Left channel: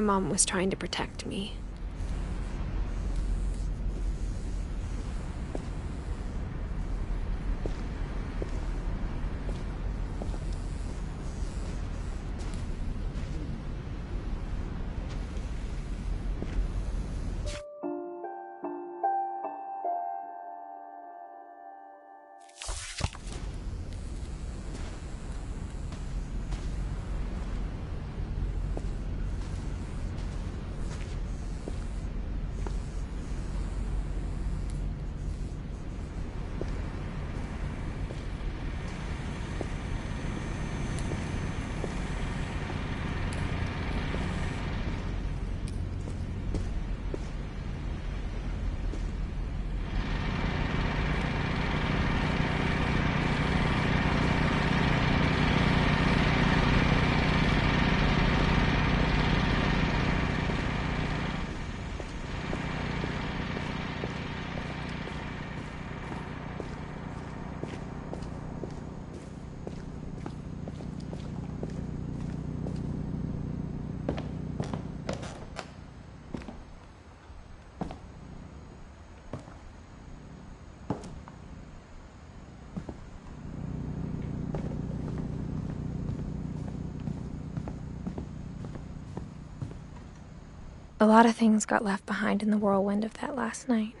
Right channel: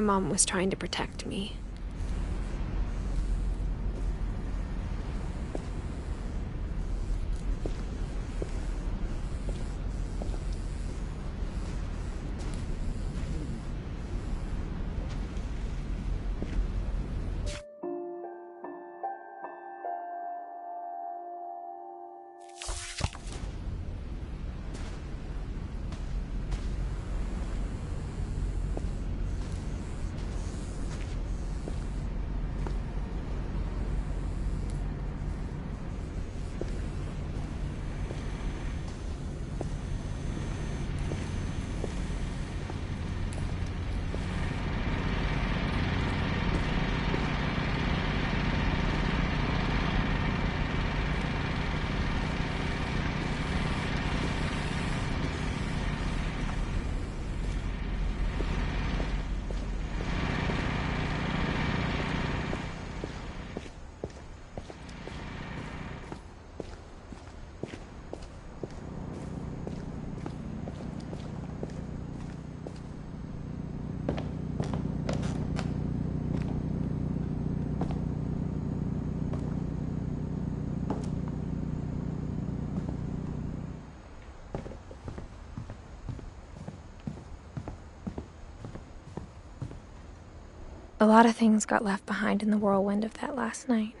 my mom was trying to protect me. A lot of things got left behind in the whirlwind of that last night.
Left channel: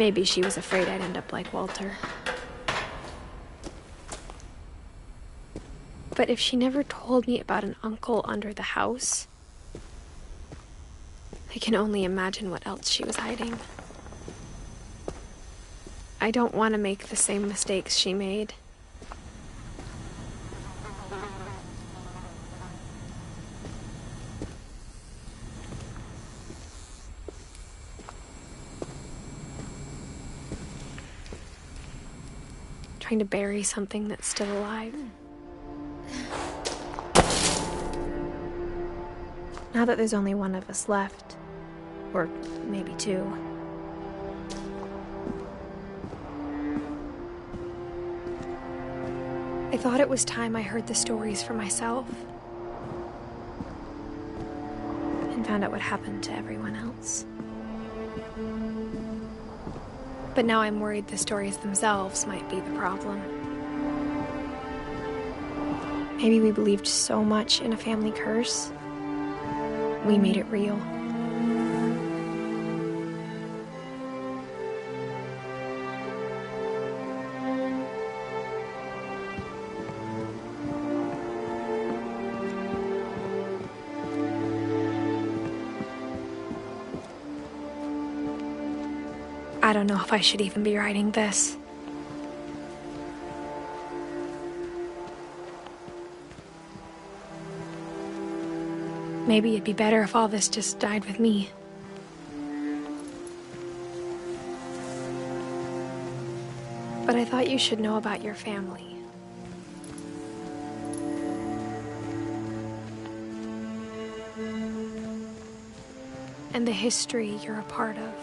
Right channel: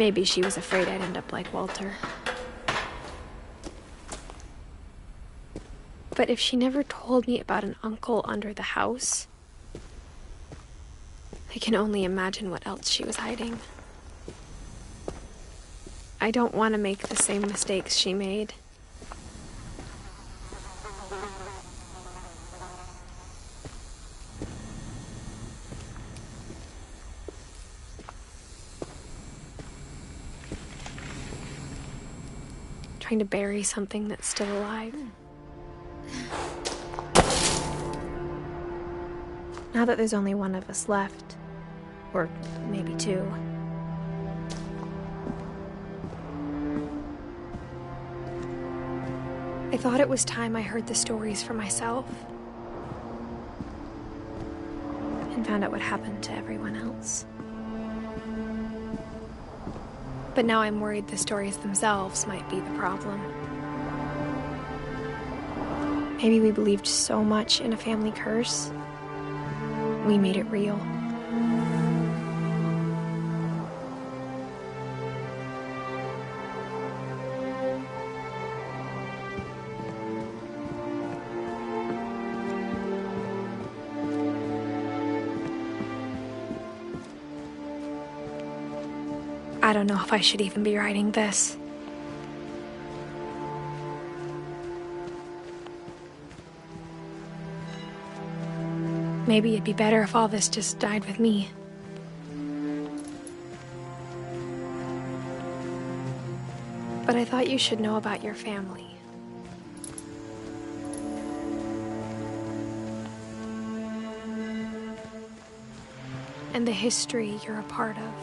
Maybe she was afraid I'd end up like Walter. But if she never told me about an uncle under the house, I can only imagine what else she was hiding. I don't want to make the same mistakes she made. Trying to bury something that's still alive. Now that there's only one of us left, or maybe two, I thought it was time I heard the stories for myself and found out what happened to everyone else. But now I'm worried the stories themselves might be the problem. Maybe we believed so much in a family curse, we made it real. I don't know if I should even be writing this. Maybe it'd be better if all this just died with me. But I thought you should know about your family. And the history you're a part of.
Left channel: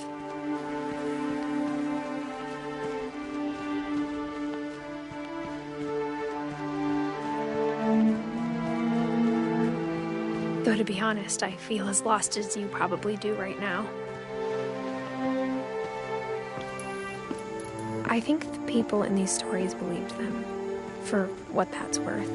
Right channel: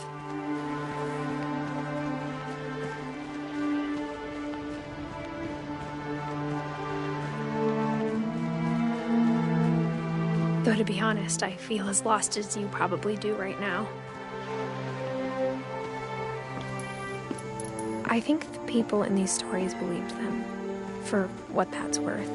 Though to be honest, I feel as lost as you probably do right now. I think the people in these stories believed them, for what that's worth.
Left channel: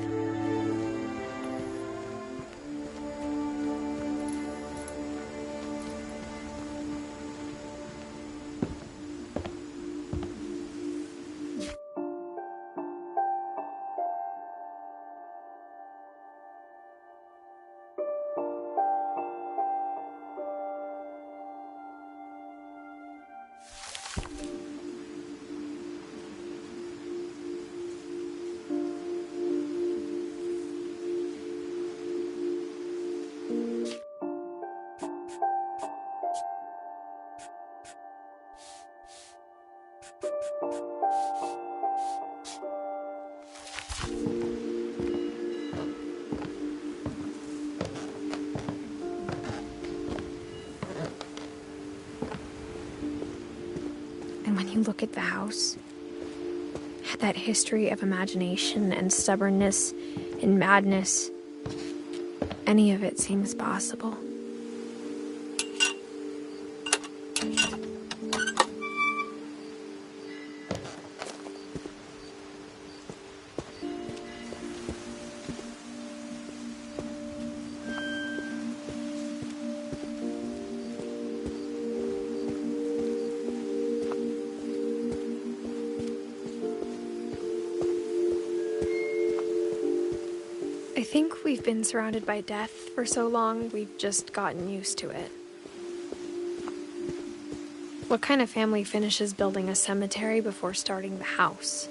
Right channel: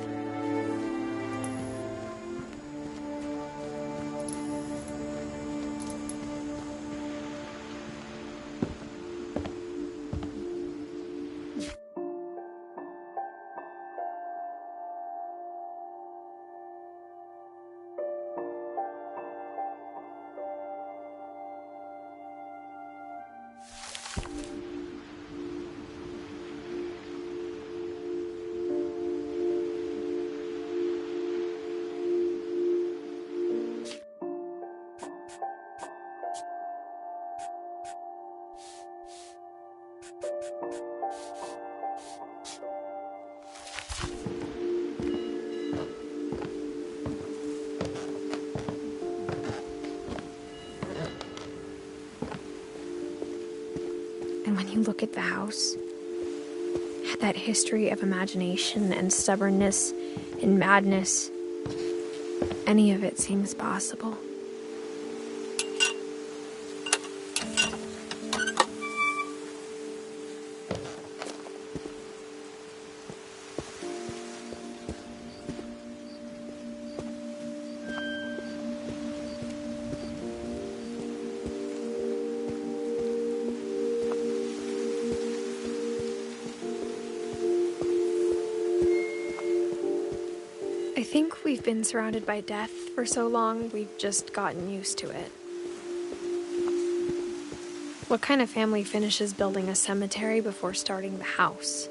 And when you look at the house, that history of imagination and stubbornness and madness, any of it seems possible. I think we've been surrounded by death for so long, we've just gotten used to it. What kind of family finishes building a cemetery before starting the house?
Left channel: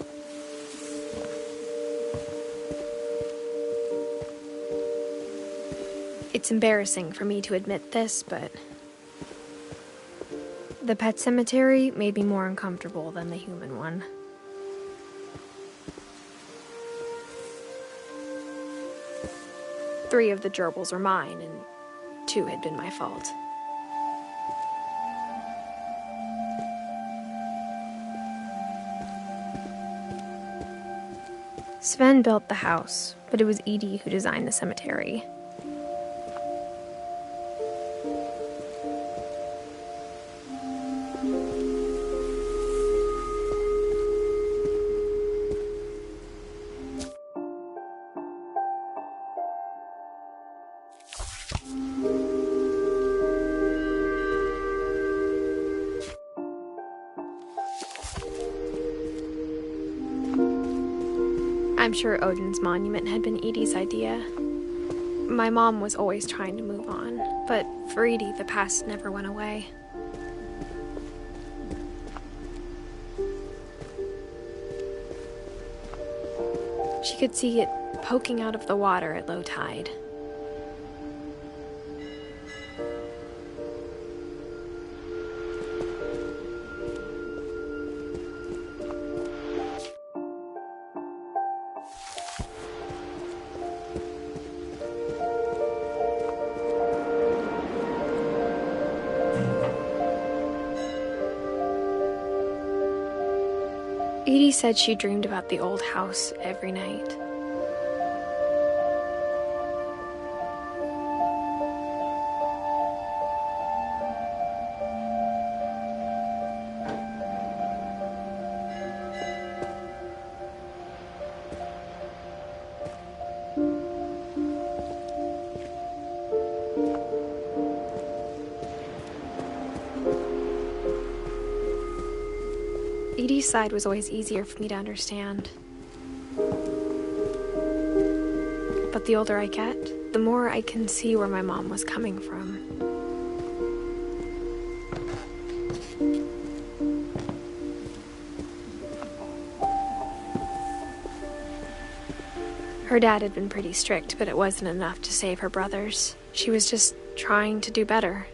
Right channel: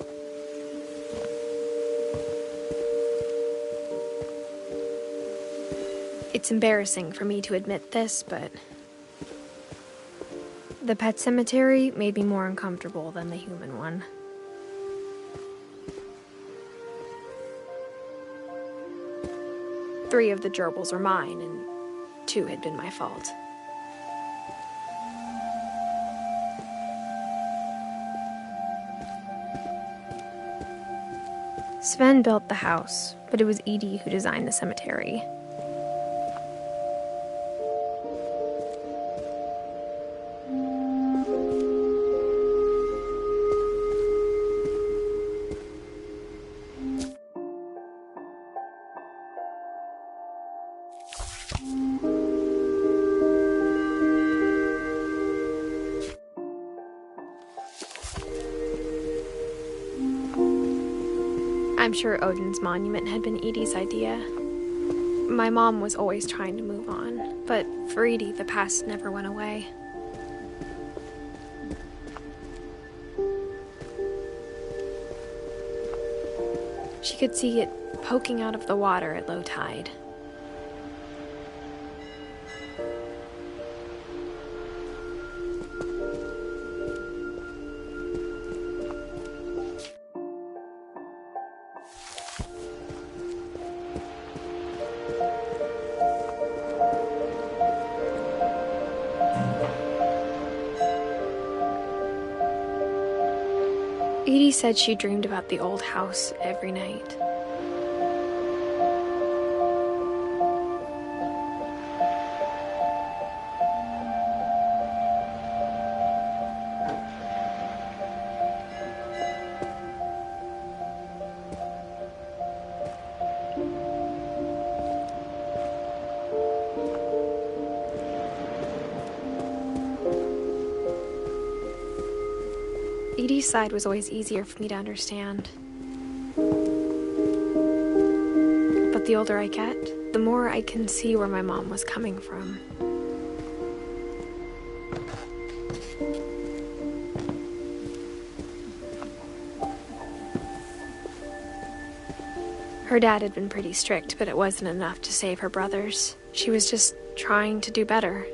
It's embarrassing for me to admit this, but the pet cemetery made me more uncomfortable than the human one. Three of the gerbils were mine, and 2 had been my fault. Sven built the house, but it was Edith who designed the cemetery. I'm sure Odin's monument had been Edie's idea. My mom was always trying to move on, but for Edie, the past never went away. She could see it poking out of the water at low tide. Edie said she dreamed about the old house every night. Edie's side was always easier for me to understand. But the older I get, the more I can see where my mom was coming from. Her dad had been pretty strict, but it wasn't enough to save her brothers. She was just trying to do better.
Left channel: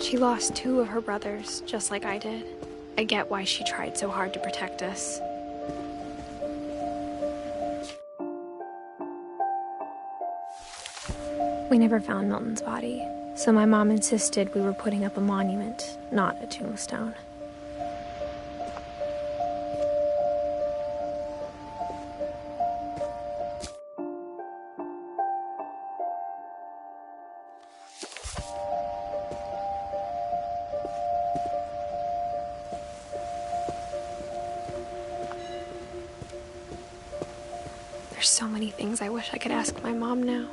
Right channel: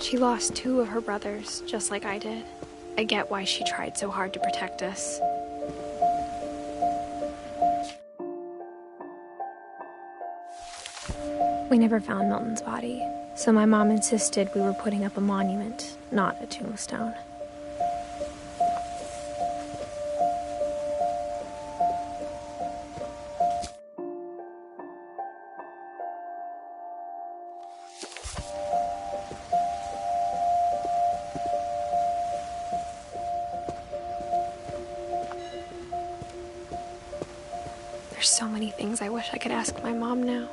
She lost 2 of her brothers, just like I did. I get why she tried so hard to protect us. We never found Milton's body, so my mom insisted we were putting up a monument, not a tombstone. There's so many things I wish I could ask my mom now.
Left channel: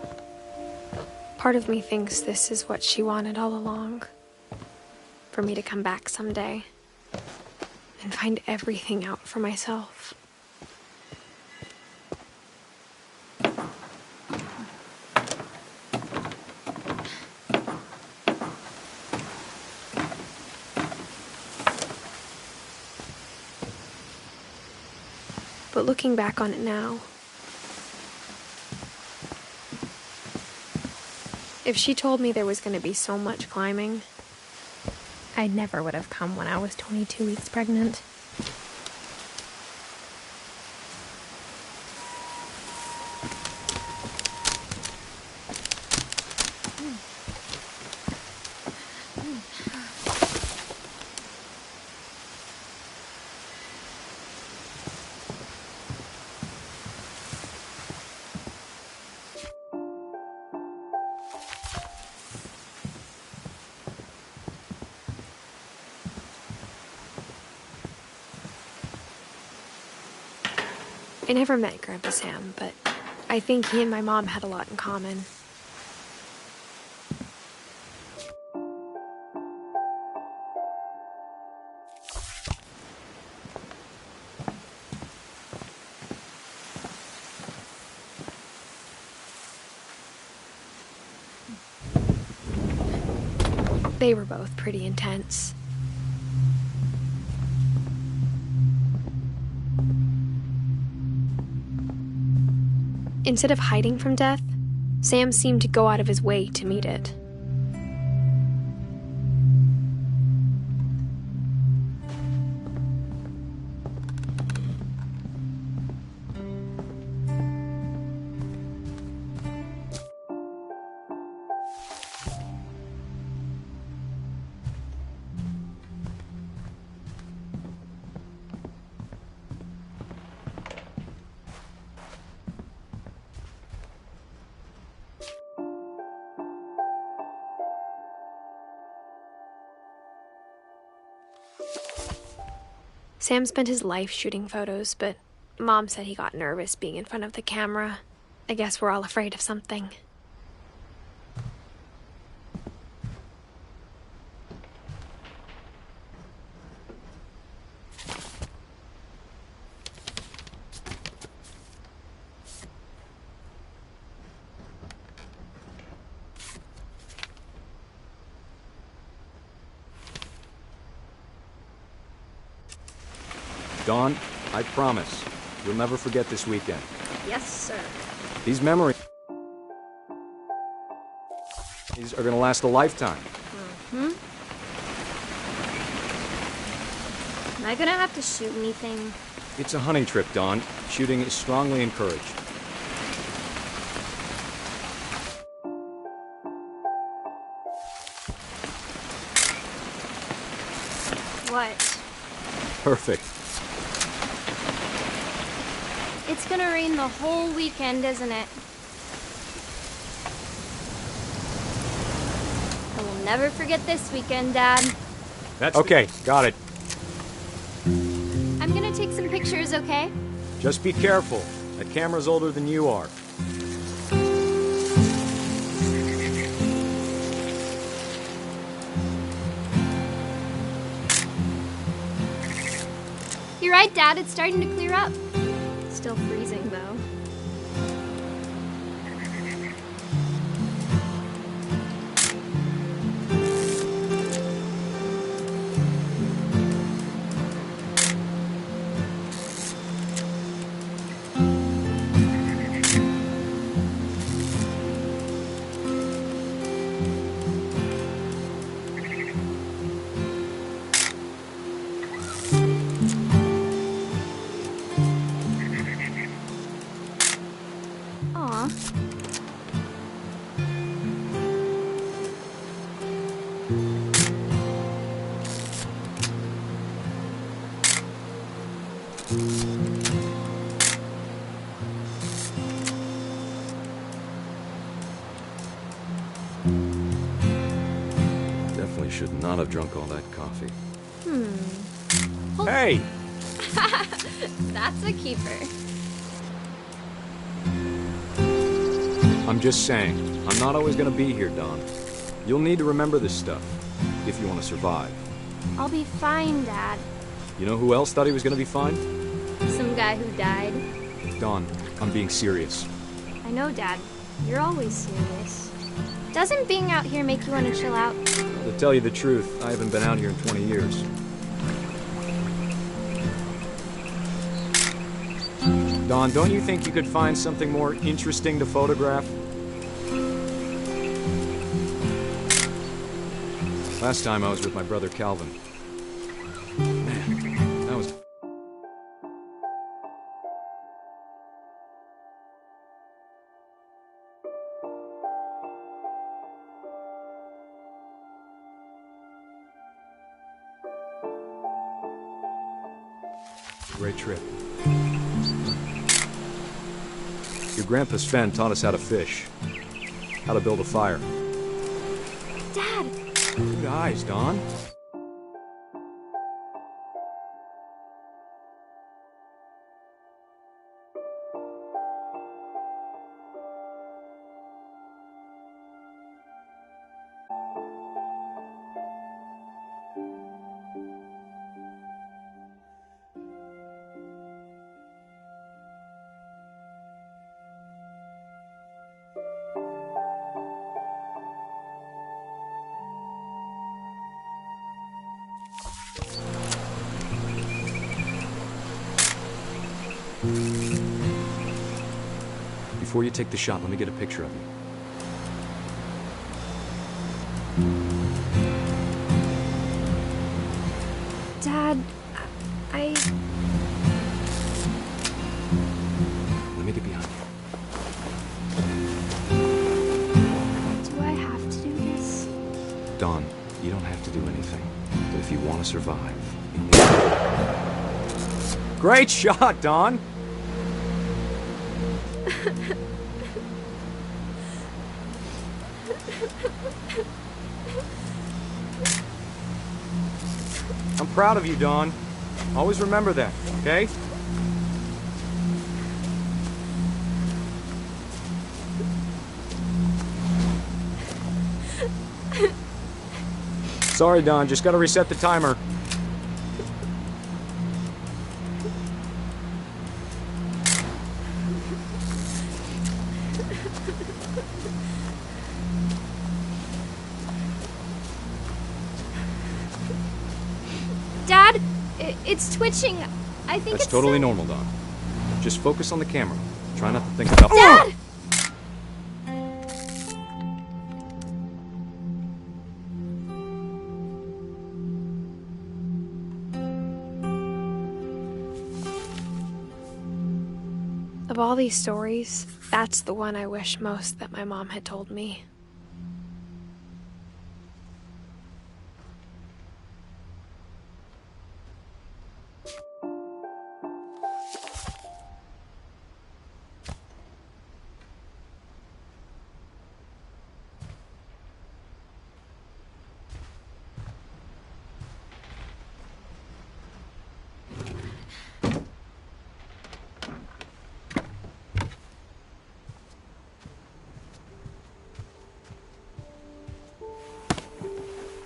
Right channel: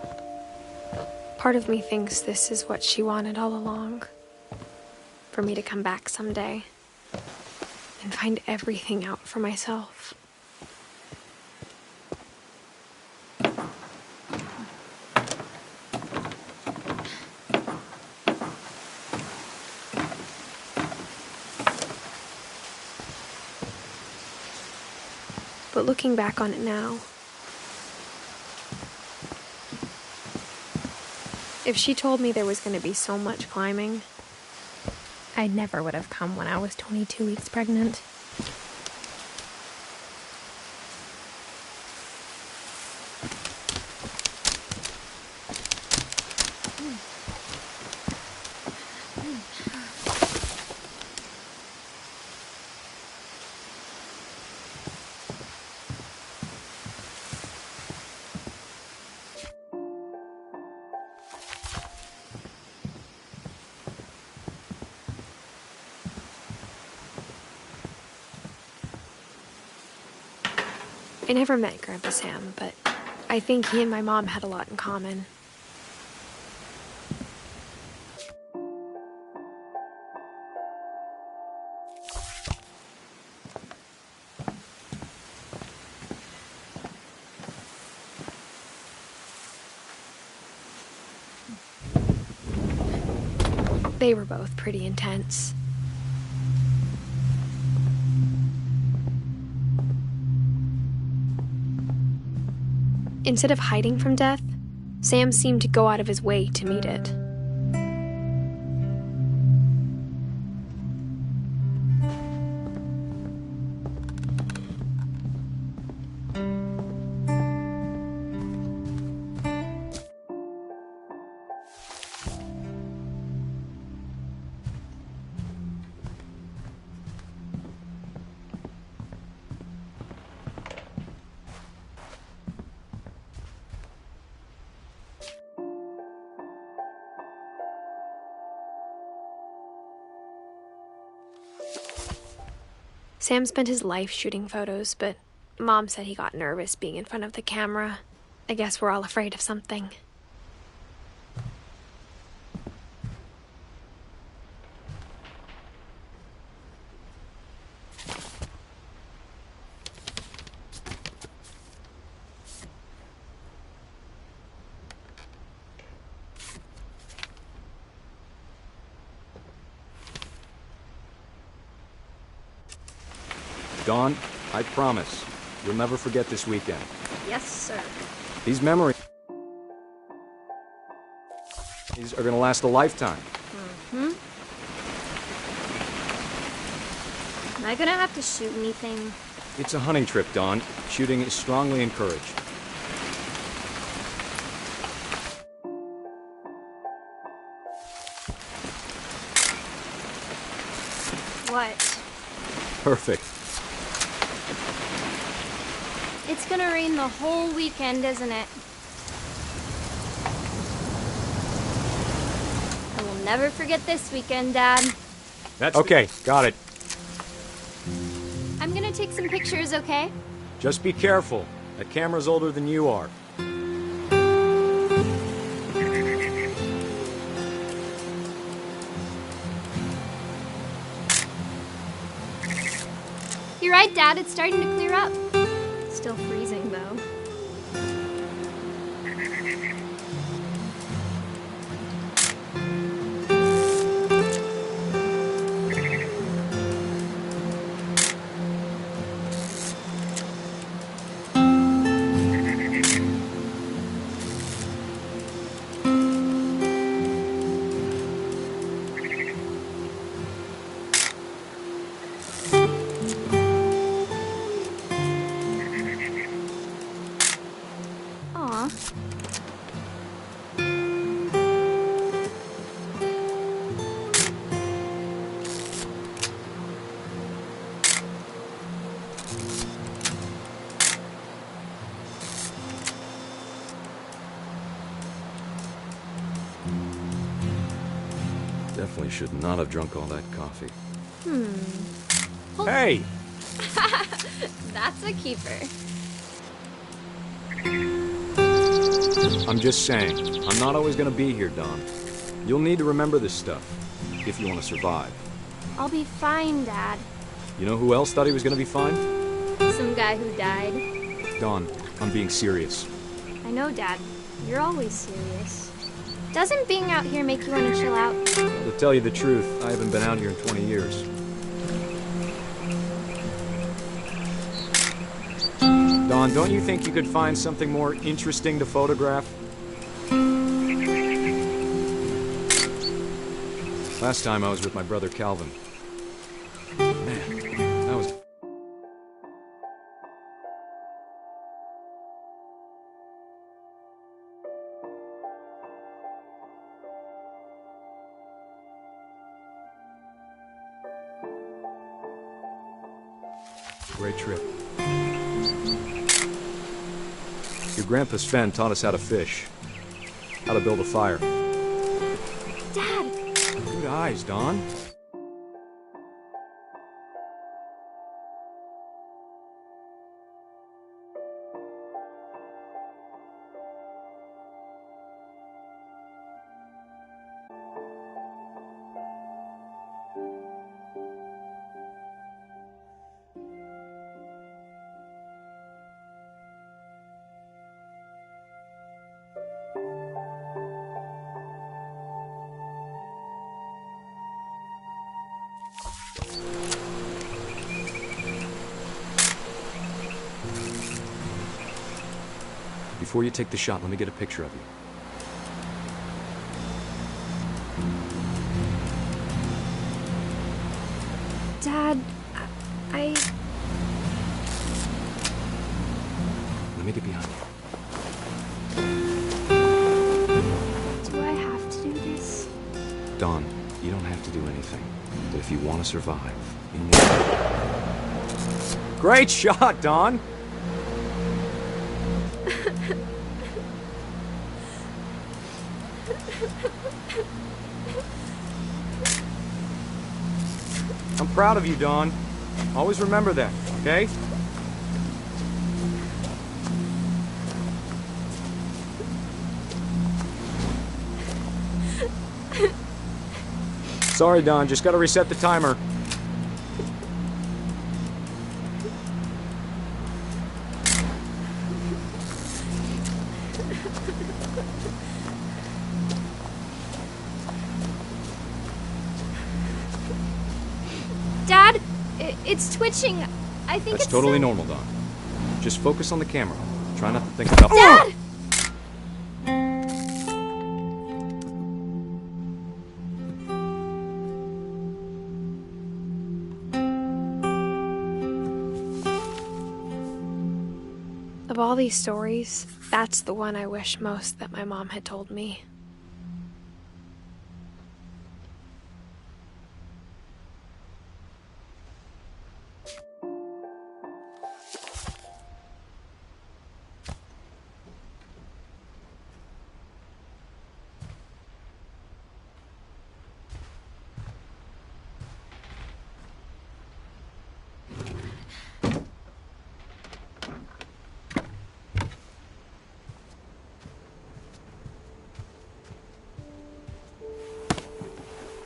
Part of me thinks this is what she wanted all along. For me to come back someday and find everything out for myself. But looking back on it now, if she told me there was going to be so much climbing, I never would have come when I was 22 weeks pregnant. I never met Grandpa Sam, but I think he and my mom had a lot in common. They were both pretty intense. Instead of hiding from death, Sam seemed to go out of his way to meet it. Sam spent his life shooting photos, but Mom said he got nervous being in front of the camera. I guess we're all afraid of something. Dawn, I promise, you'll never forget this weekend. Yes, sir. These memories are gonna last a lifetime. Am I gonna have to shoot anything? It's a hunting trip, Dawn. Shooting is strongly encouraged. What? Perfect. It's gonna rain the whole weekend, isn't it? I will never forget this weekend, Dad. That's okay, got it. I'm gonna take some pictures, okay? Just be careful. That camera's older than you are. You're right, Dad. It's starting to clear up. Still freezing, though. Aw. Definitely should not have drunk all that coffee. Oh. Hey! That's a keeper. I'm just saying, I'm not always gonna be here, Dawn. You'll need to remember this stuff, if you want to survive. I'll be fine, Dad. You know who else thought he was gonna be fine? Some guy who died. Dawn, I'm being serious. I know, Dad. You're always serious. Doesn't being out here make you want to chill out? To tell you the truth, I haven't been out here in 20 years. Dawn, don't you think you could find something more interesting to photograph? Last time I was with my brother Calvin. Man, that was... Great trip. Your grandpa Sven taught us how to fish, how to build a fire. Dad! Good eyes, Dawn. Before you take the shot, let me get a picture of you. Dad, I... Let me get behind you. Do I have to do this? Dawn, you don't have to do anything. But if you want to survive, you need to... Great shot, Dawn! I'm proud of you, Dawn. Always remember that, okay? Sorry, Don. Just gotta reset the timer. Dad, it's twitching. I think That's it's totally normal, Don. Just focus on the camera. Try not to think about... Dad! Of all these stories, that's the one I wish most that my mom had told me.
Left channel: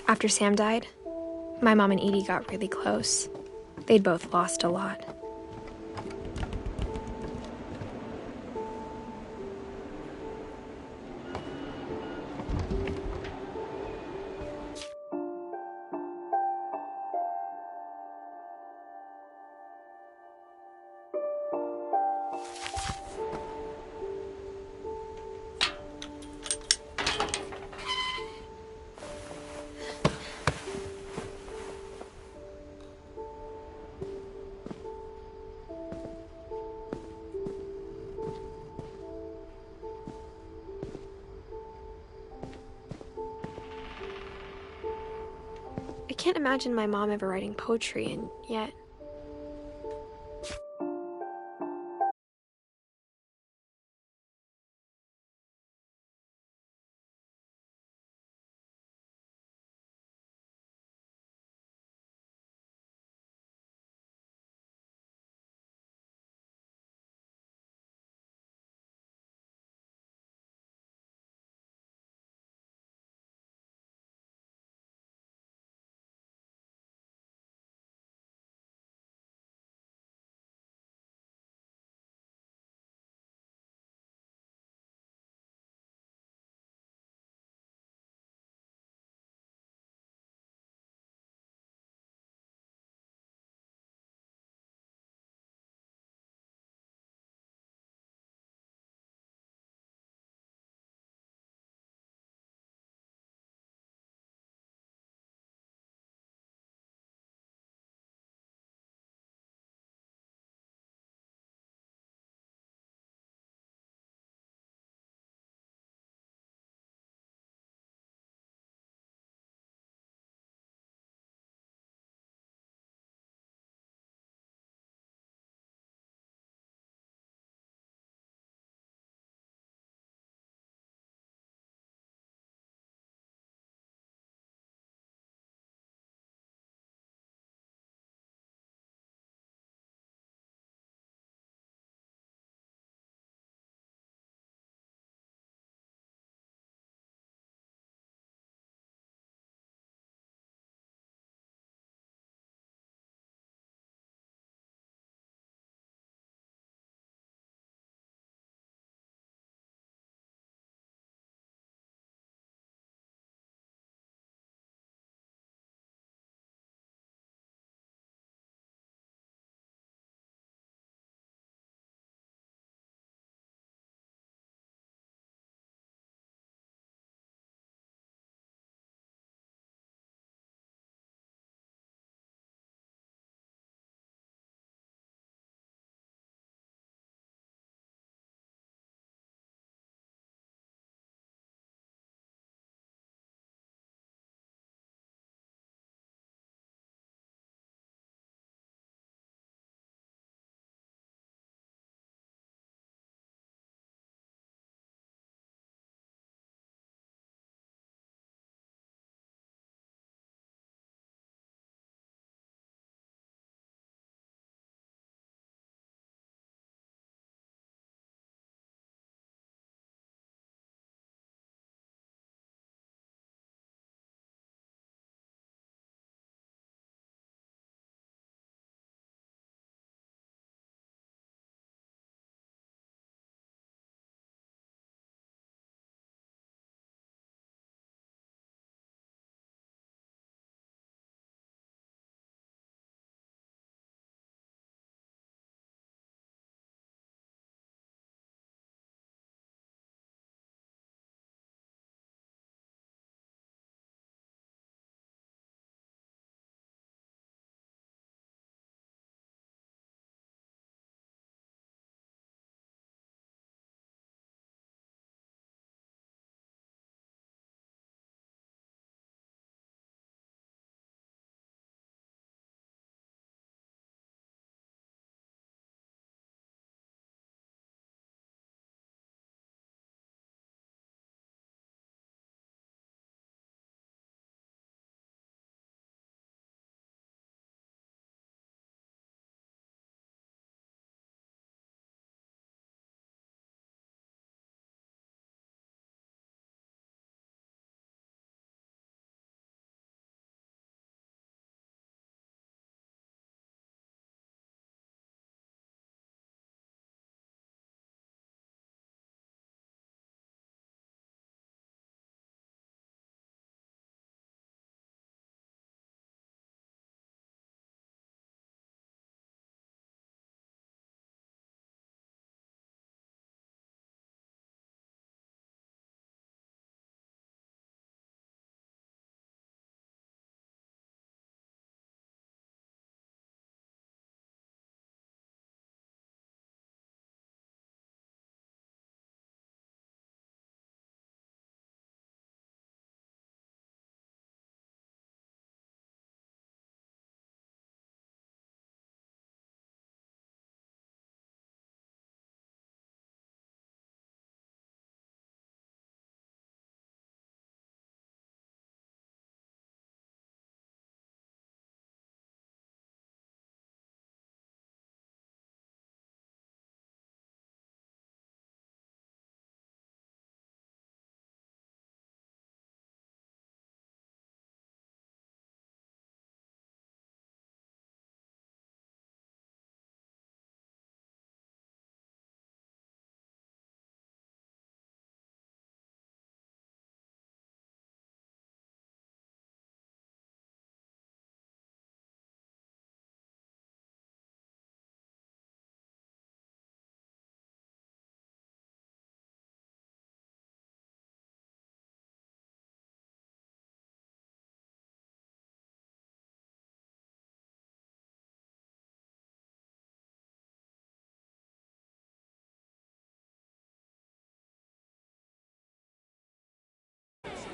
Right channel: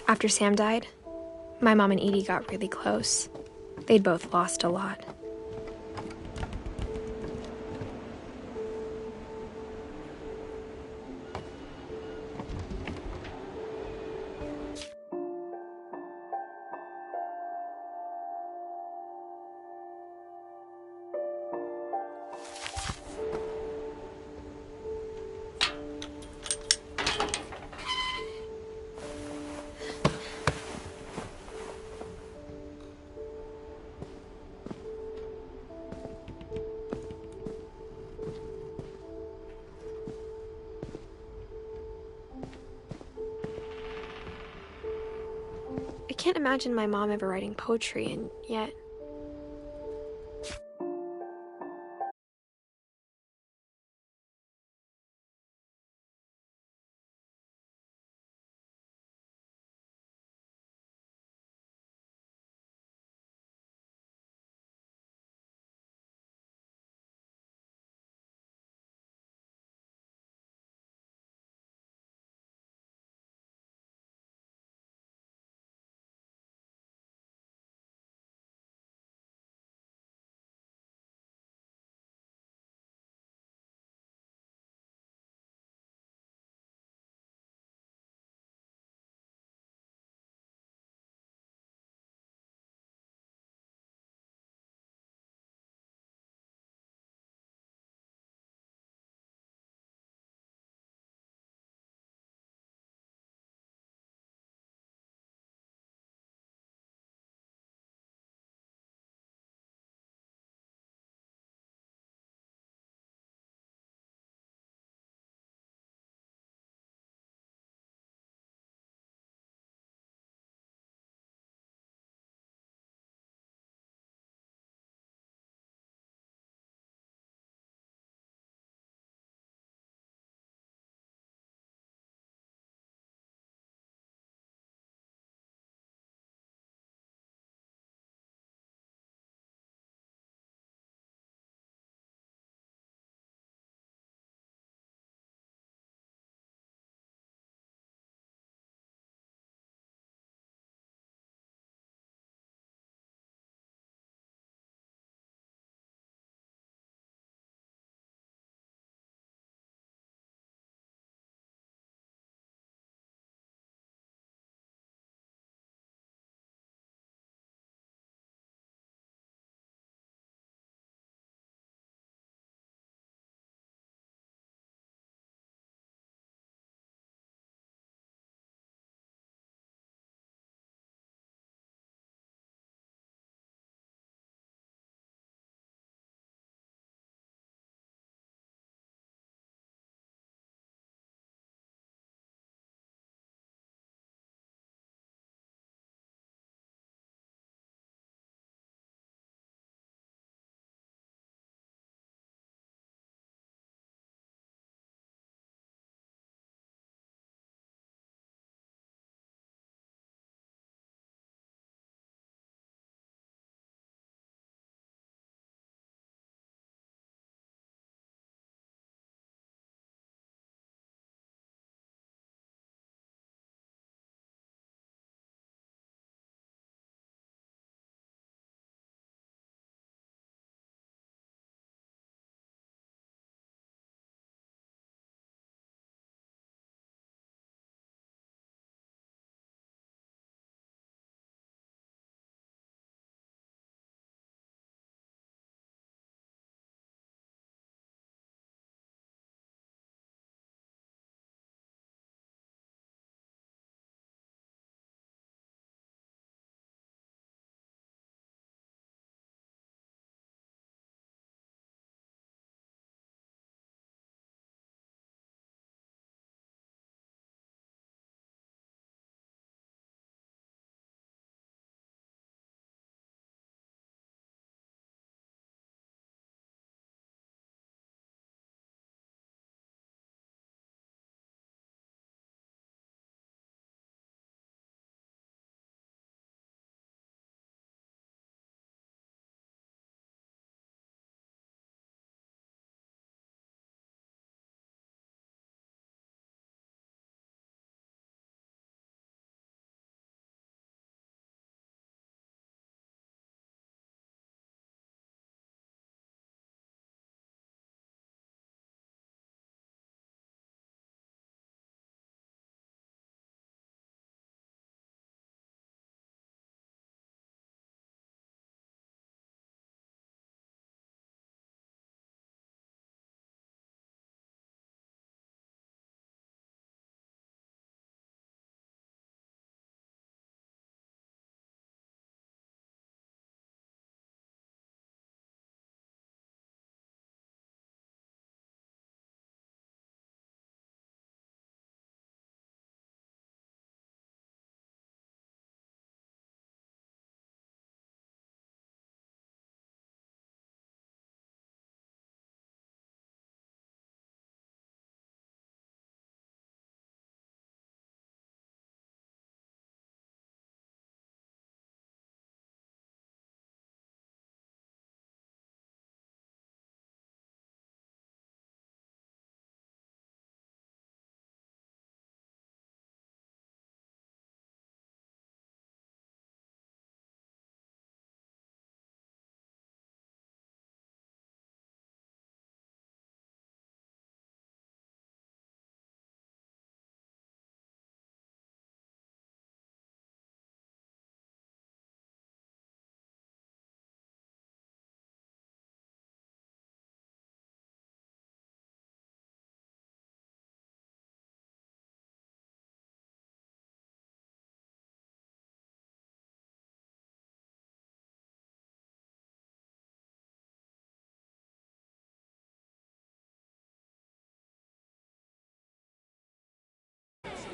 After Sam died, my mom and Edie got really close. They'd both lost a lot. I can't imagine my mom ever writing poetry, and yet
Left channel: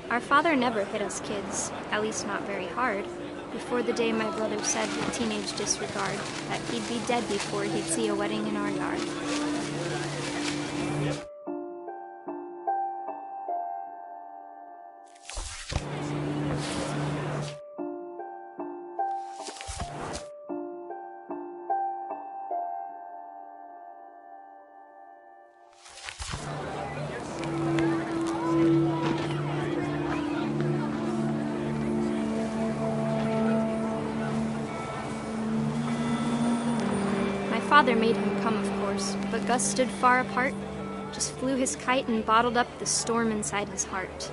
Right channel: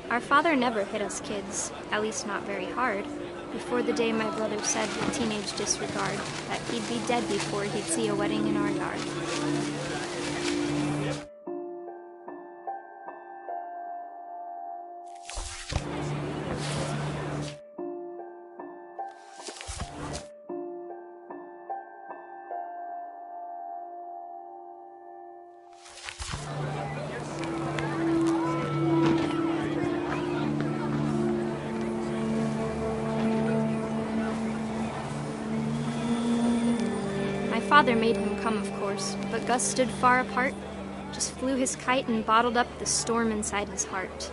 Our father never hit us kids, at least not very hard, before the day my brother said with teenage disregard that he'd be dead before he'd see a wedding in our yard. Father made him come, of course, but Gus stood far apart, just flew his kite and bottled up the storm inside his heart.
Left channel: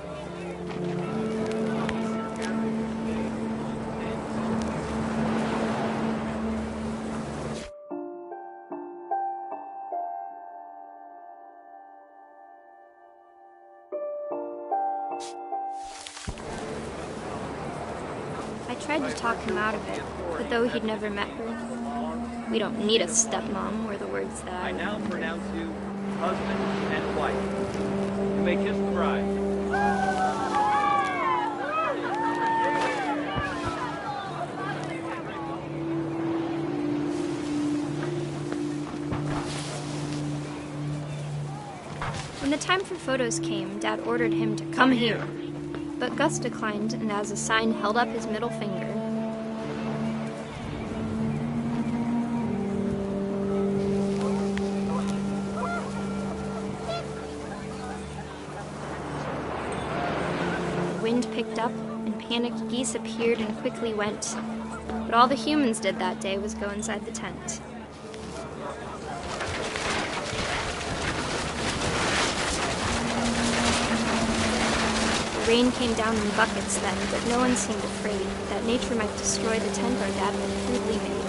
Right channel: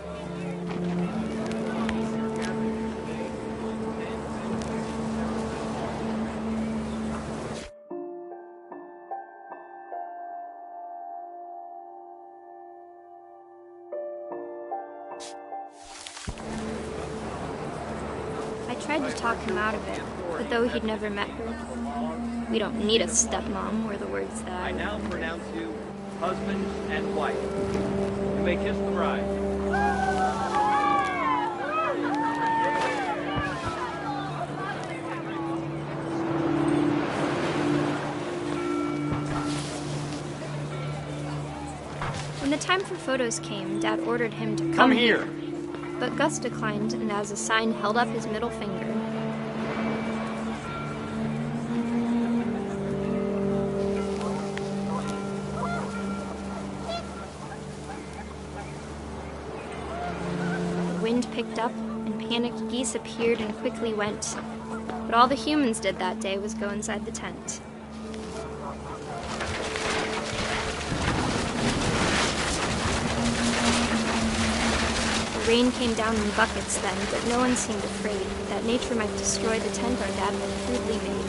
I tried to talk him out of it, but though he'd never met her, "We don't need a stepmom," were the words that I now pronounce you husband and wife. You may kiss the bride. When the time for photos came, Dad ordered him to come here. But Gus declined and as a sign held up his middle finger. The wind picked up and panicked geese appeared and quickly went. But all the humans did that day was go inside the tent. The rain came down in buckets then, but no one seemed afraid that nature might destroy the tent our dad had crudely made.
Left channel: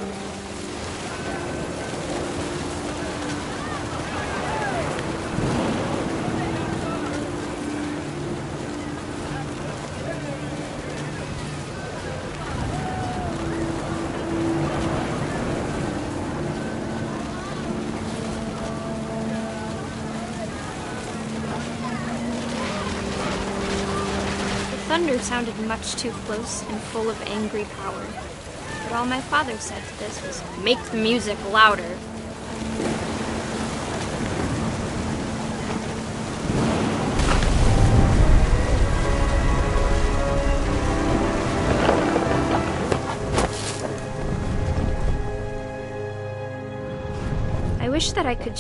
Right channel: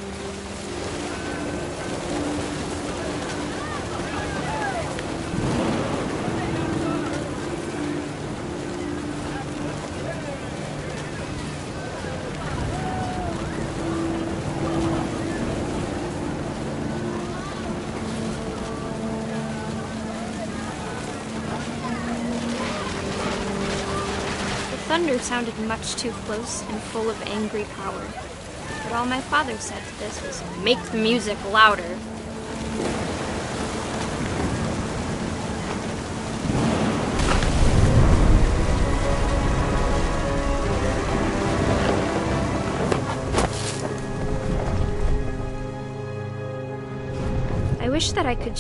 Thunder sounded much too close and full of angry power. But all my father said to this was, "Make the music louder." I wish that I could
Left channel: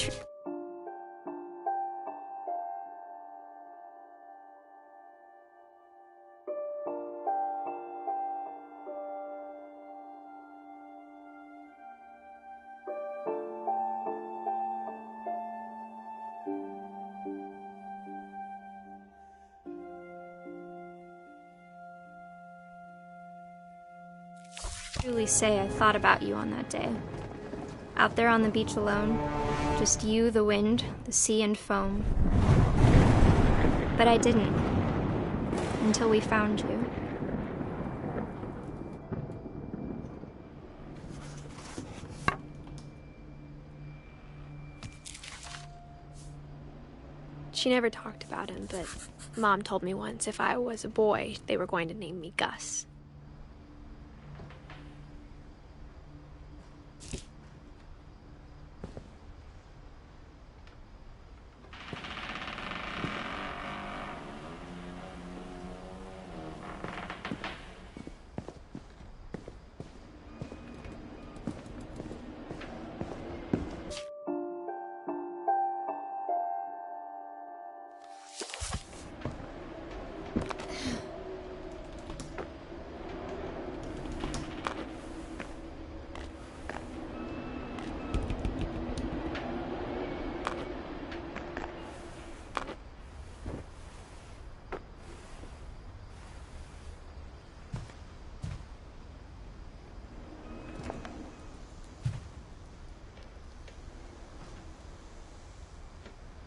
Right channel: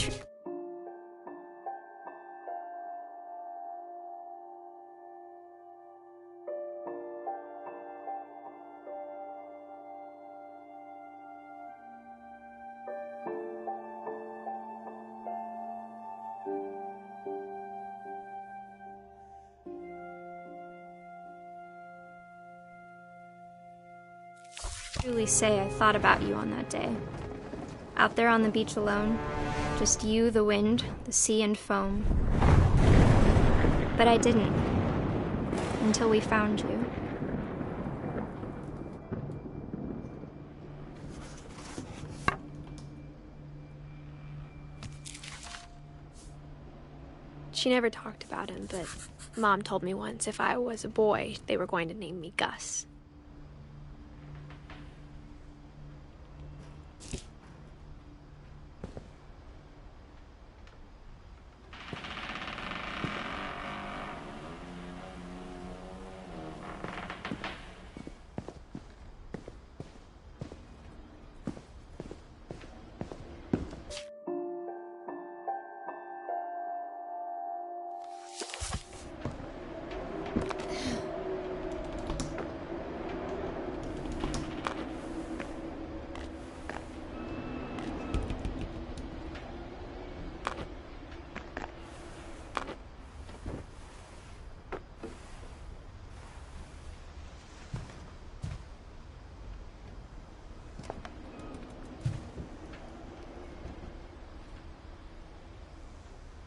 truly say I thought about you on that day. Out there on the beach alone, just you, the wind, the sea and foam. But I didn't, until we found you. She never talked about him, but Mom told me once if I was a boy, they were going to name me Gus.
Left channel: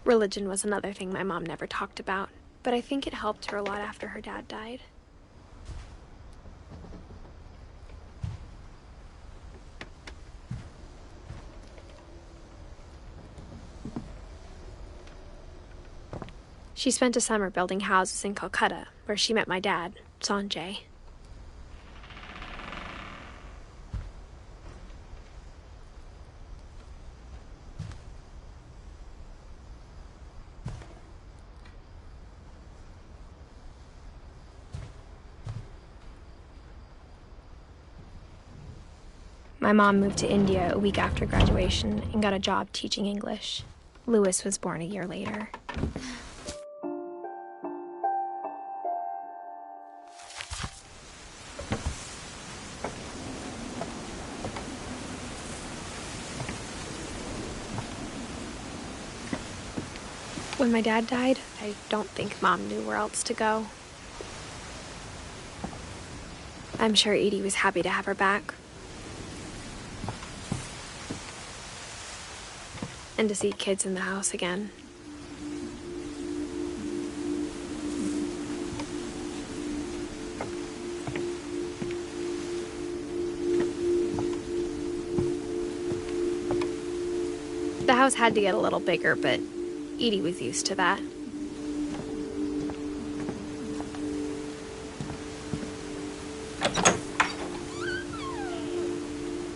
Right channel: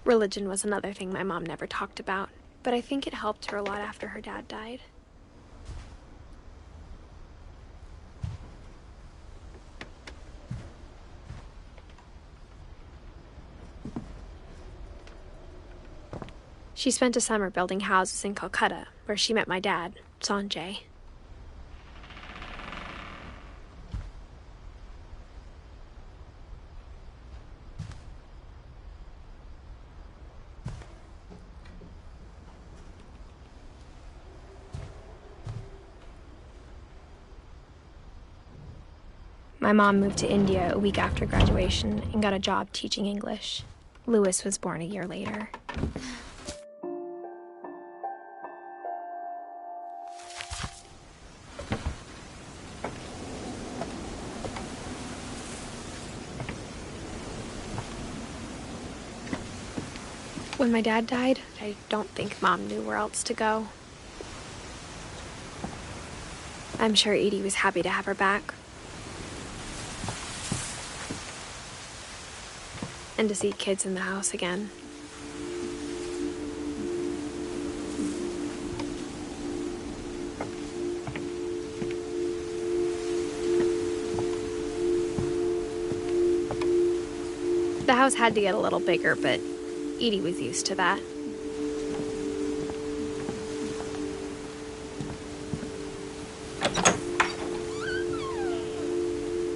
Religion was another thing my mom never talked about, but I think it helped her a lot after her dad died. She spent a summer building houses in Calcutta, where she met my dad, Sanjay. My mom moved to India a week after graduation and got a job teaching English. Louis was born a year later. When my dad died, I don't think Mom knew where else to go. I'm sure Edie was happy to have her back. And to see kids in the house again. The house had to get a little bigger, but Edie was used to that.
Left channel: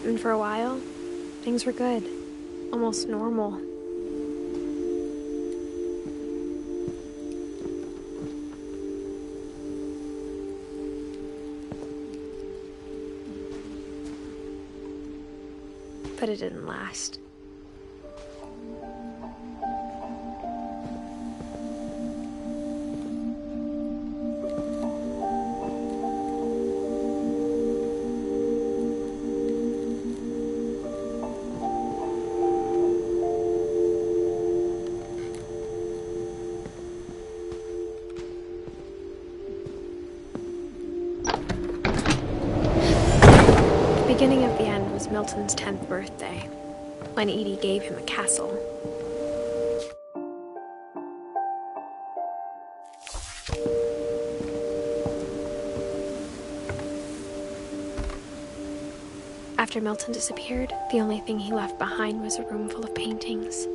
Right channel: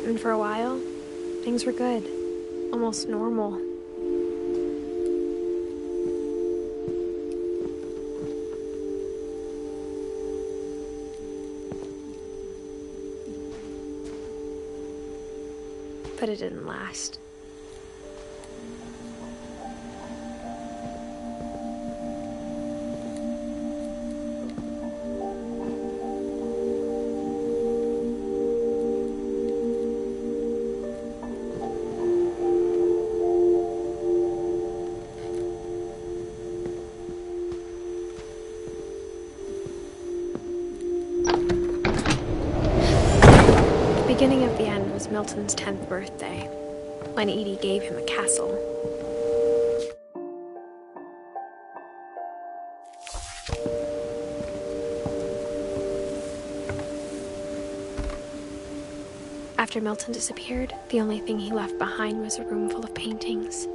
And for a while, things were good. Almost normal. But it didn't last. The beginning of the end was Milton's 10th birthday, when Edie gave him a castle. After Milton disappeared, the only thing he left behind was a room full of paintings.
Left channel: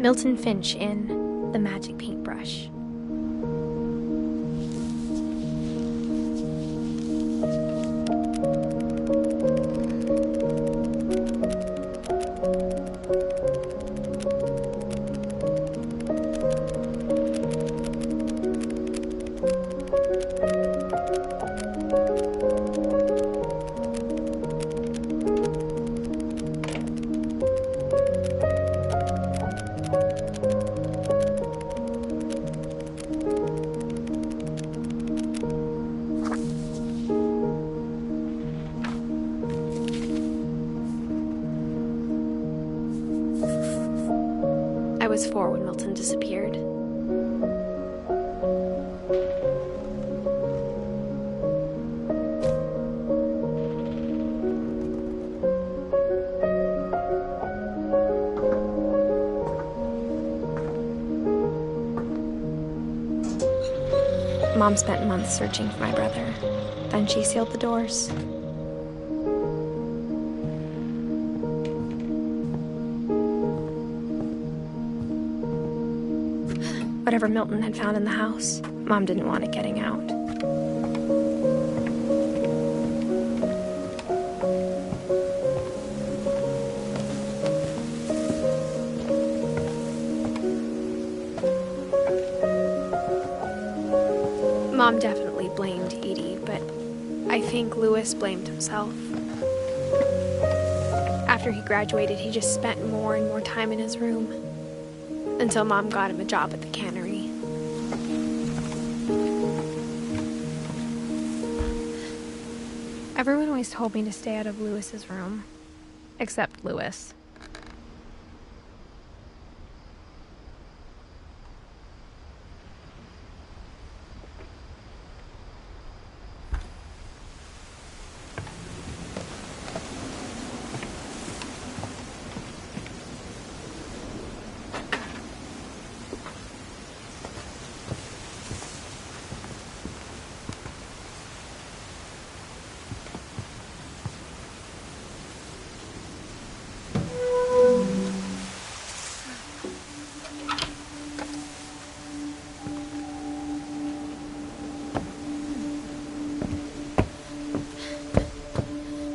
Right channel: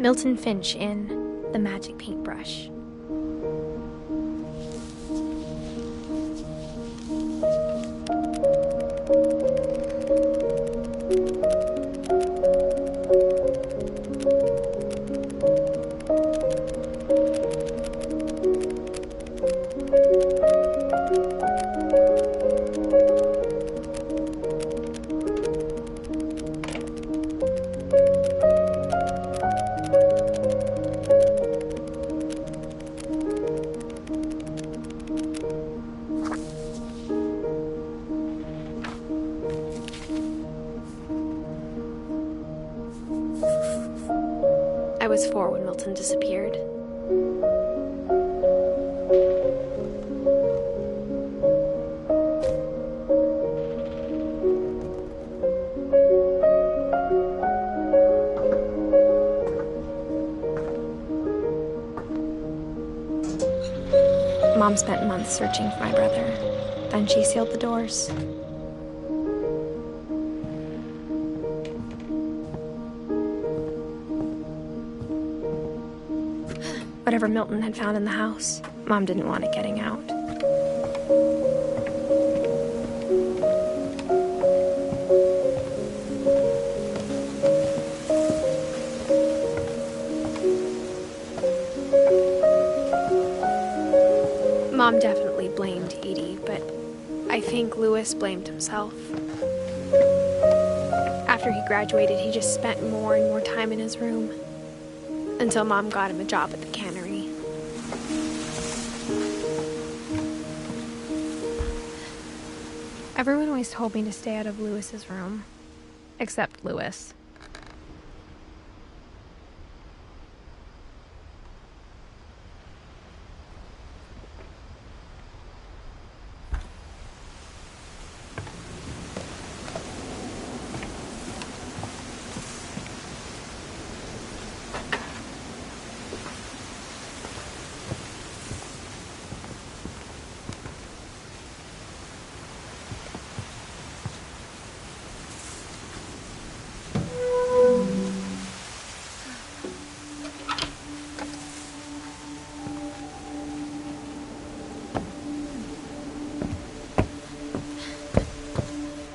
Milton Finch in The Magic Paintbrush. I was 4 when Milton disappeared. Mom spent months searching for my brother. Then she sealed the doors. Whatever Milton had found in the house, Mom didn't want it getting out. Mom definitely blamed Edie, but I think Lewis blamed himself. After he graduated, he just spent more and more time in his room, until Mom got him a job at the cannery. Everyone always told me to stay out of Lewis's room, except Lewis.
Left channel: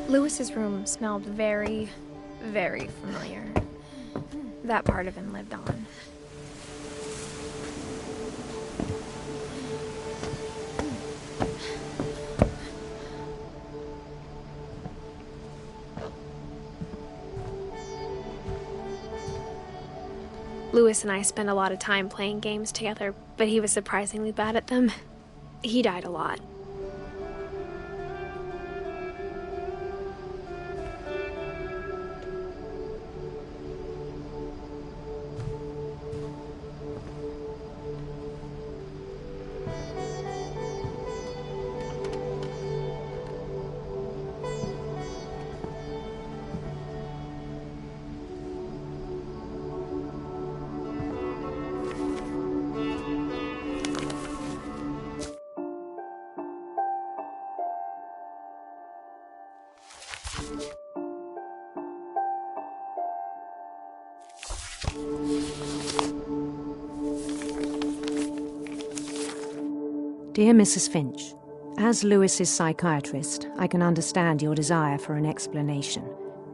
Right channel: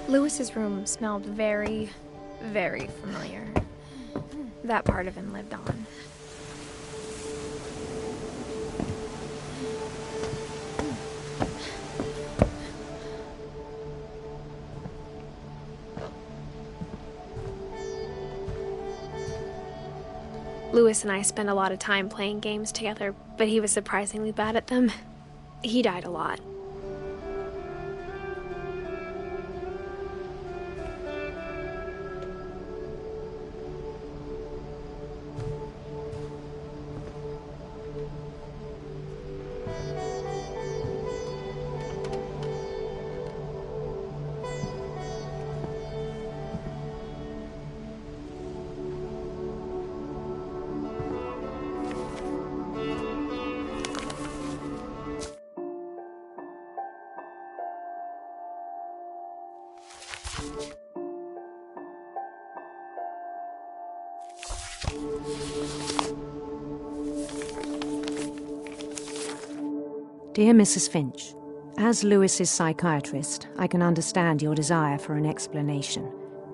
Lewis's room smelled very, very familiar. That part of him lived on. Lewis and I spent a lot of time playing games together, but he was surprisingly bad at them. He died a lot. Dear Mrs. Finch, as Lewis's psychiatrist, I can understand your desire for an explanation.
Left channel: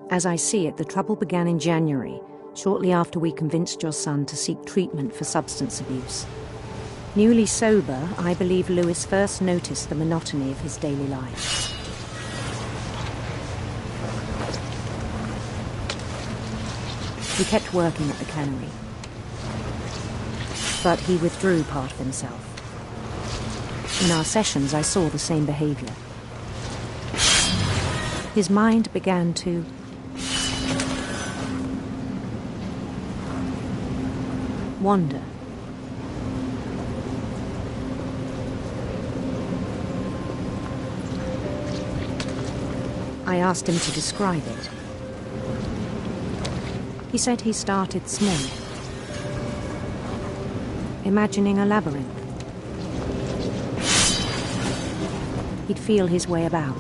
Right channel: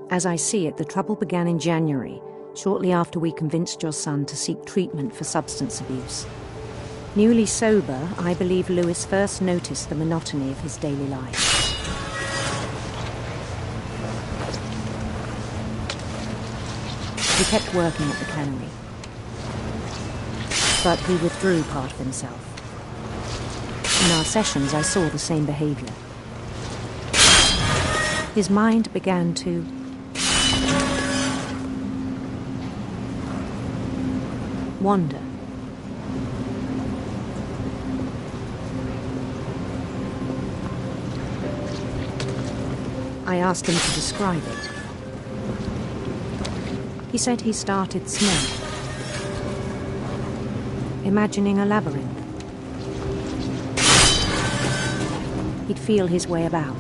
As I see it, the trouble began in January, shortly after we convinced your son to seek treatment for substance abuse. Newly sober, I believe Lewis first noticed the monotony of his daily life. He kept working at the cannery, but he withdrew part of himself. In our sessions, I saw the same behavior. His mind began to wander. I asked him to describe it. He said he started small, imagining a labyrinth. He'd feel his way about.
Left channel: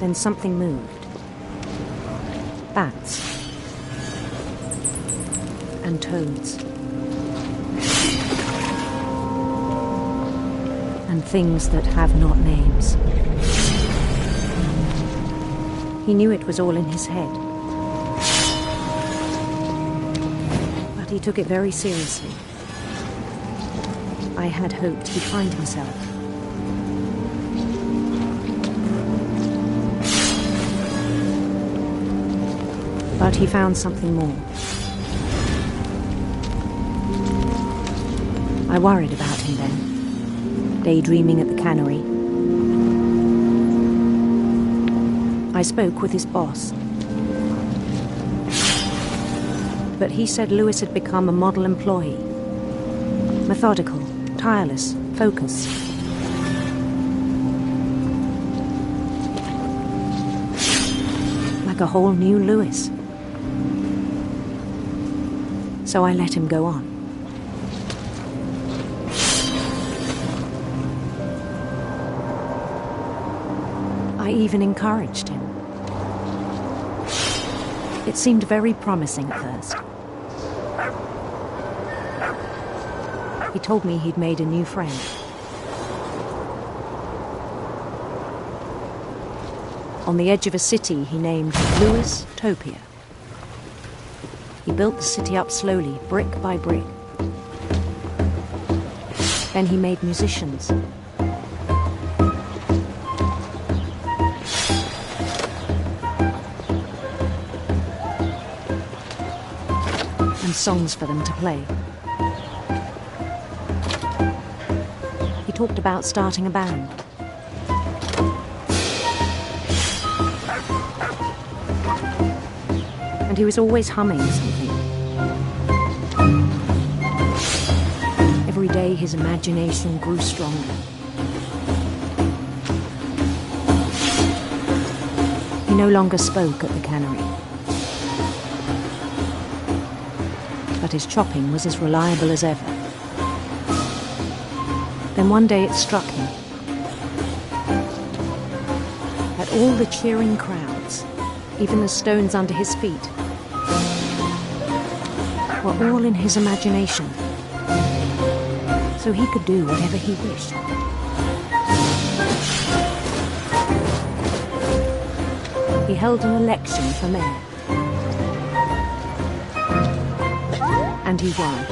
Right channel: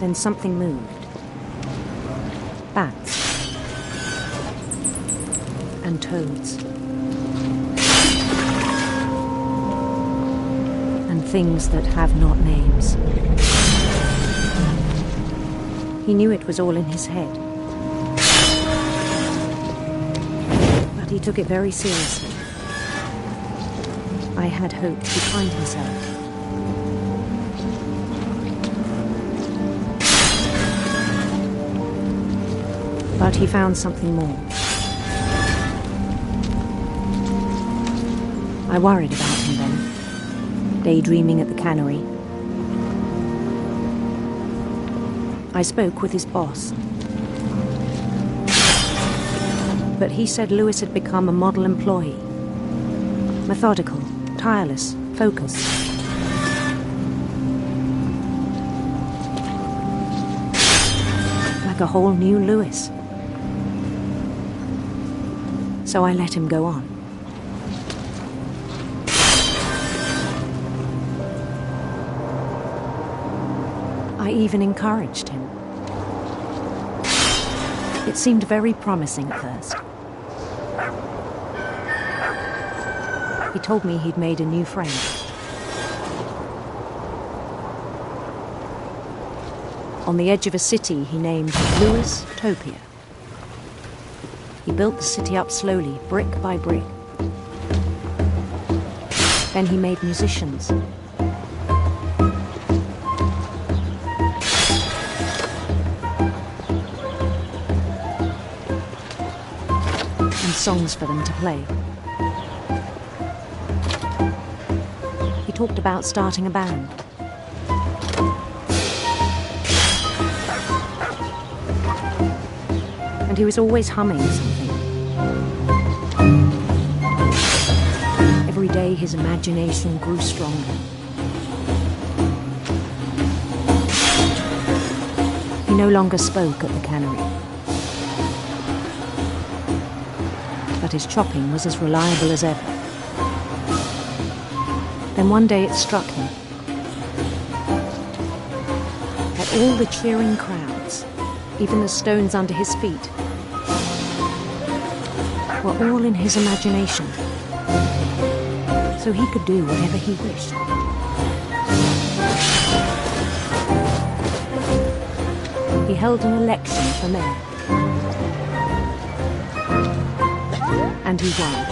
Then something moved. Bats. And toads. And things that have not names. He knew it was all in his head. But he took it very seriously. I had hoped he'd find himself. But he found something more. I worried about him then, daydreaming at the cannery. I spoke with his boss. But he said Lewis had become a model employee. Methodical, tireless, focused. Like a whole new Lewis. So I let him go on. I even encouraged him. It seemed very promising at first. He told me he'd made a new friend. On the edge of a city he named Lewis Topia. He built the city up slowly, brick by brick. Then he made musicians. And songs for them to play. He talked about starting a band. And he was always humming something. Every day his imagination grew stronger. He no longer spoke at the cannery. But his chopping was as reliable as ever. Then one day it struck him that all the cheering crowds, even the stones under his feet, were all in his imagination, so he could do whatever he wished. He held an election for mayor, and he won.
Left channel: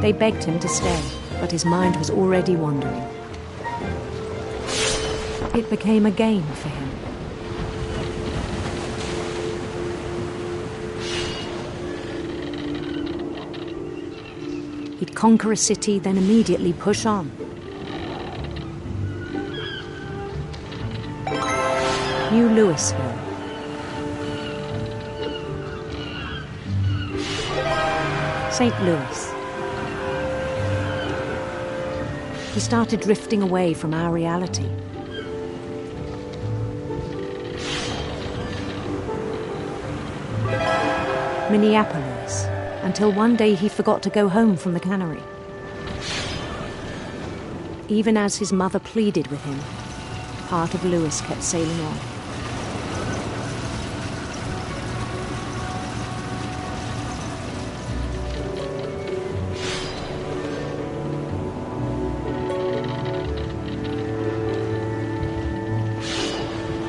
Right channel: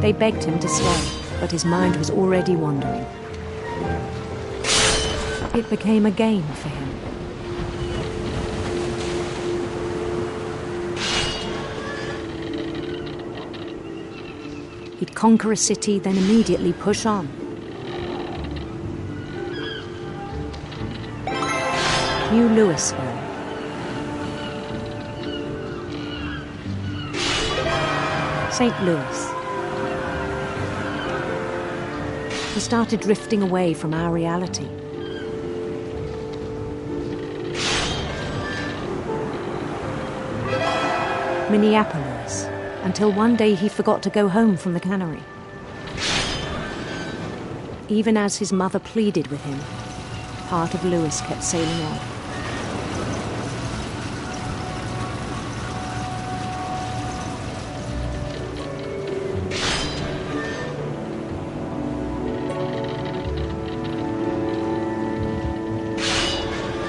They begged him to stay, but his mind was already wandering. It became a game for him. He'd conquer a city, then immediately push on. New Louisville. St. Louis. He started drifting away from our reality. Minneapolis, until one day he forgot to go home from the cannery. Even as his mother pleaded with him, part of Louis kept sailing on.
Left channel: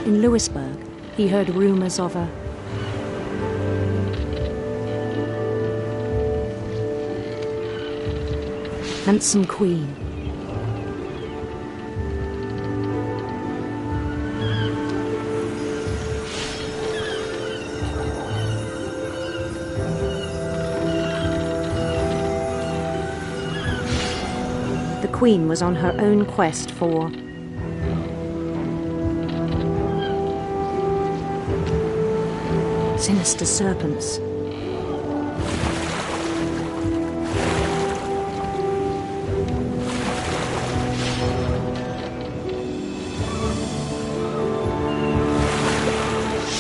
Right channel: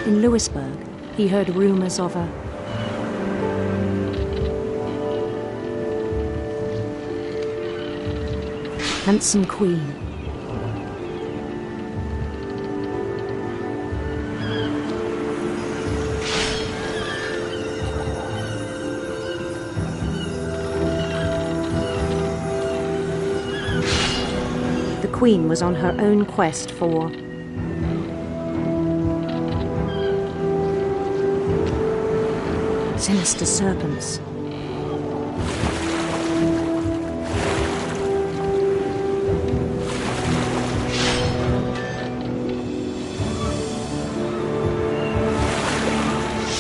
In Louisburg, he heard rumors of a handsome queen. The queen was on her own quest for sinister serpents.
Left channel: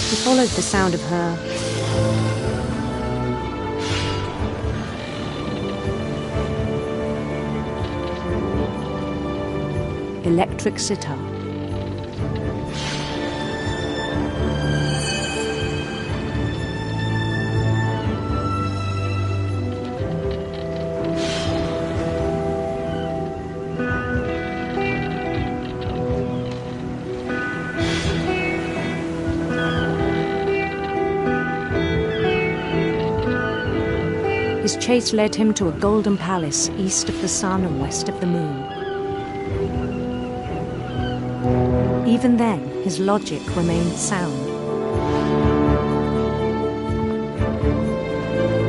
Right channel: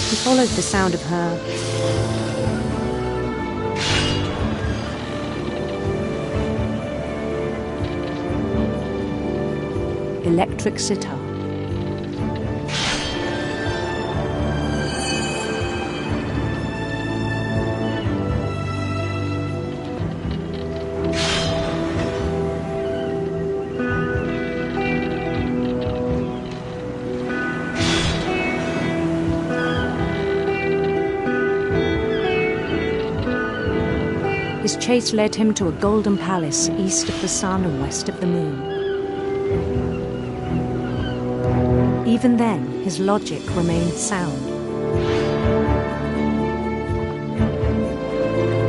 He followed the sound of her electric sitar. His chase led him to a golden palace east of the sun and west of the moon. Even then, his logic remained sound.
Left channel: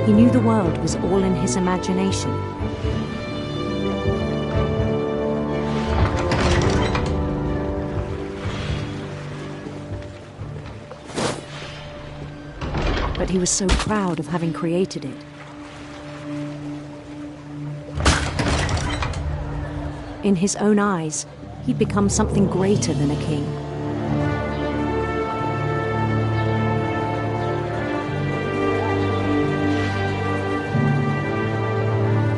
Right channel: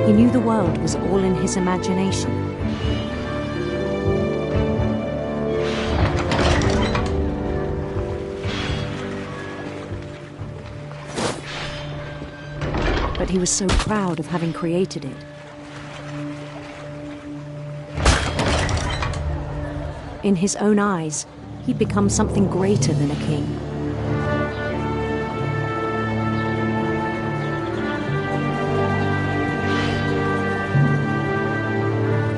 He knew the world was all in his imagination. But he was so proud of having created it. In his own eyes, he'd become something greater than a king.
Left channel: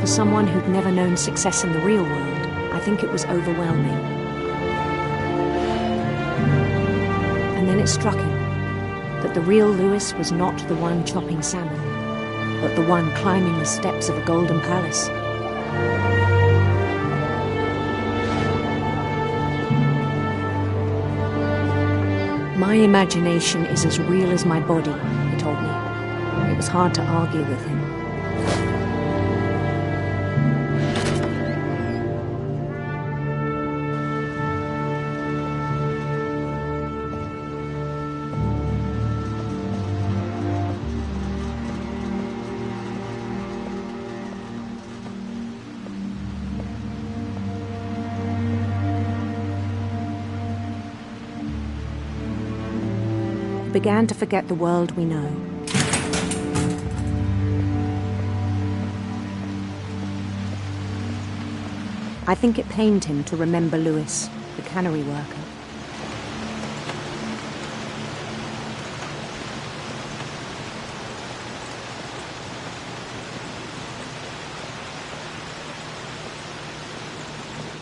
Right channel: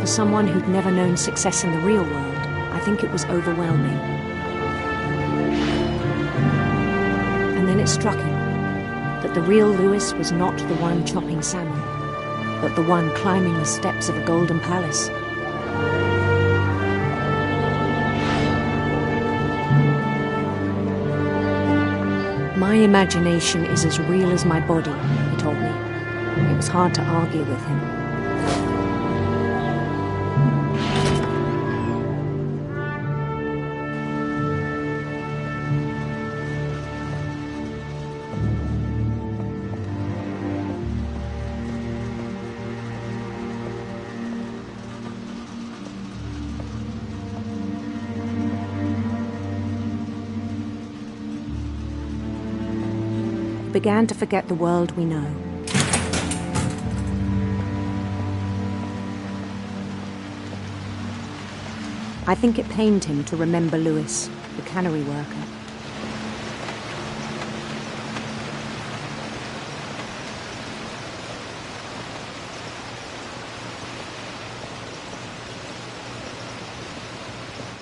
For someone who'd never known success in the real world, I think it was overwhelming. And then it struck him that the real Louis was not the one chopping salmon, but the one climbing the steps of a golden palace. My imagination is as real as my body, he told me. It was hard to argue with him. He began to forget the world we know. I think it pained him to remember Lewis, the cannery worker.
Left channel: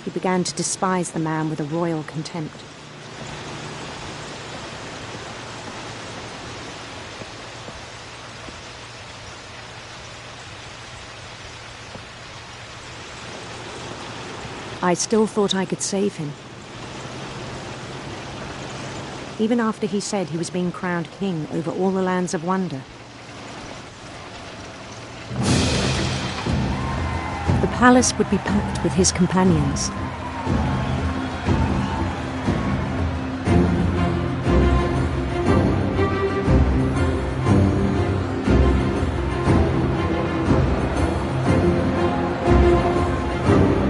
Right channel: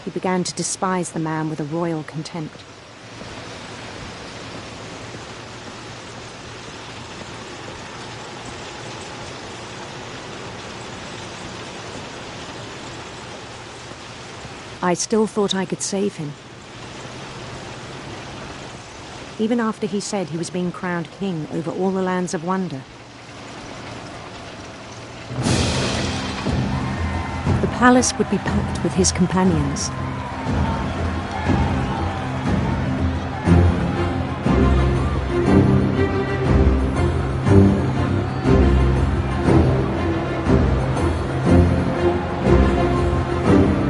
He began to despise the man with a royal contempt. I still thought I could save him. Even after he said he was being crowned king over all the lands of wonder. The palace would be packed with his companions.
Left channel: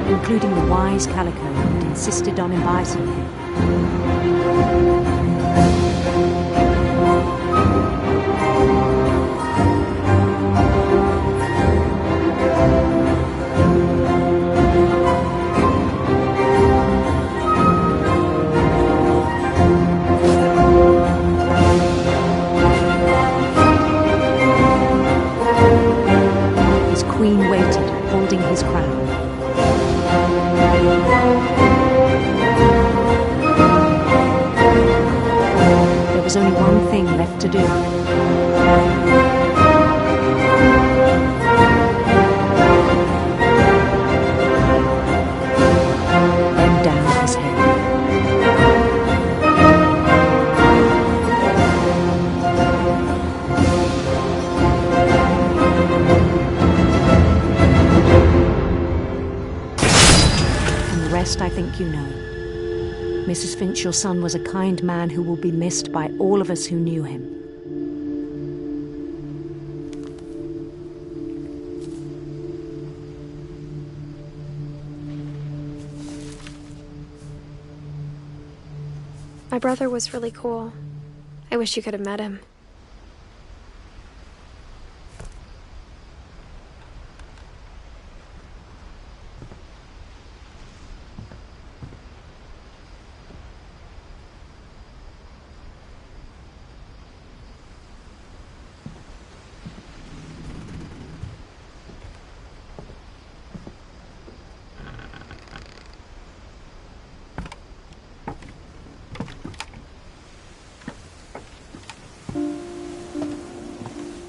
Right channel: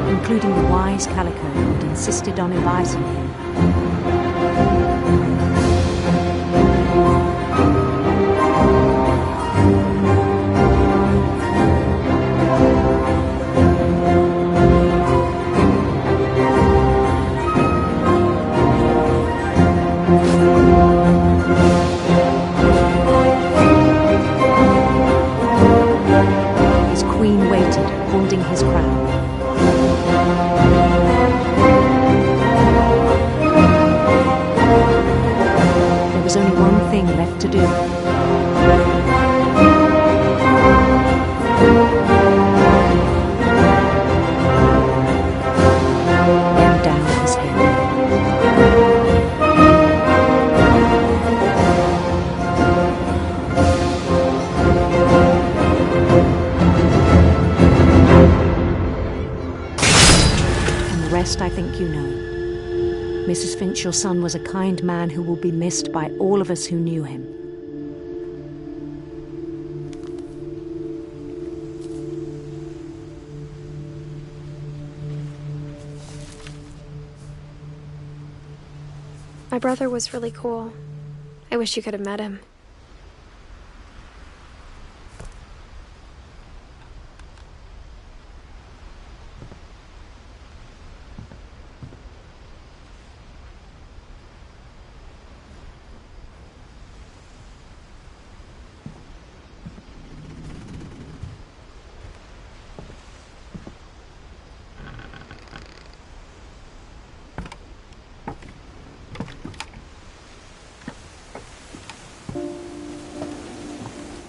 Including the wise Calico who'd insisted on advising him. His queen waited, holding his crown. There was only one thing left to do. Bend down his head. And the rest I think you know. Mrs. Finch, your son was a kind man who will be missed by all of us who knew him. My brother was really cool. I wish you could have met him.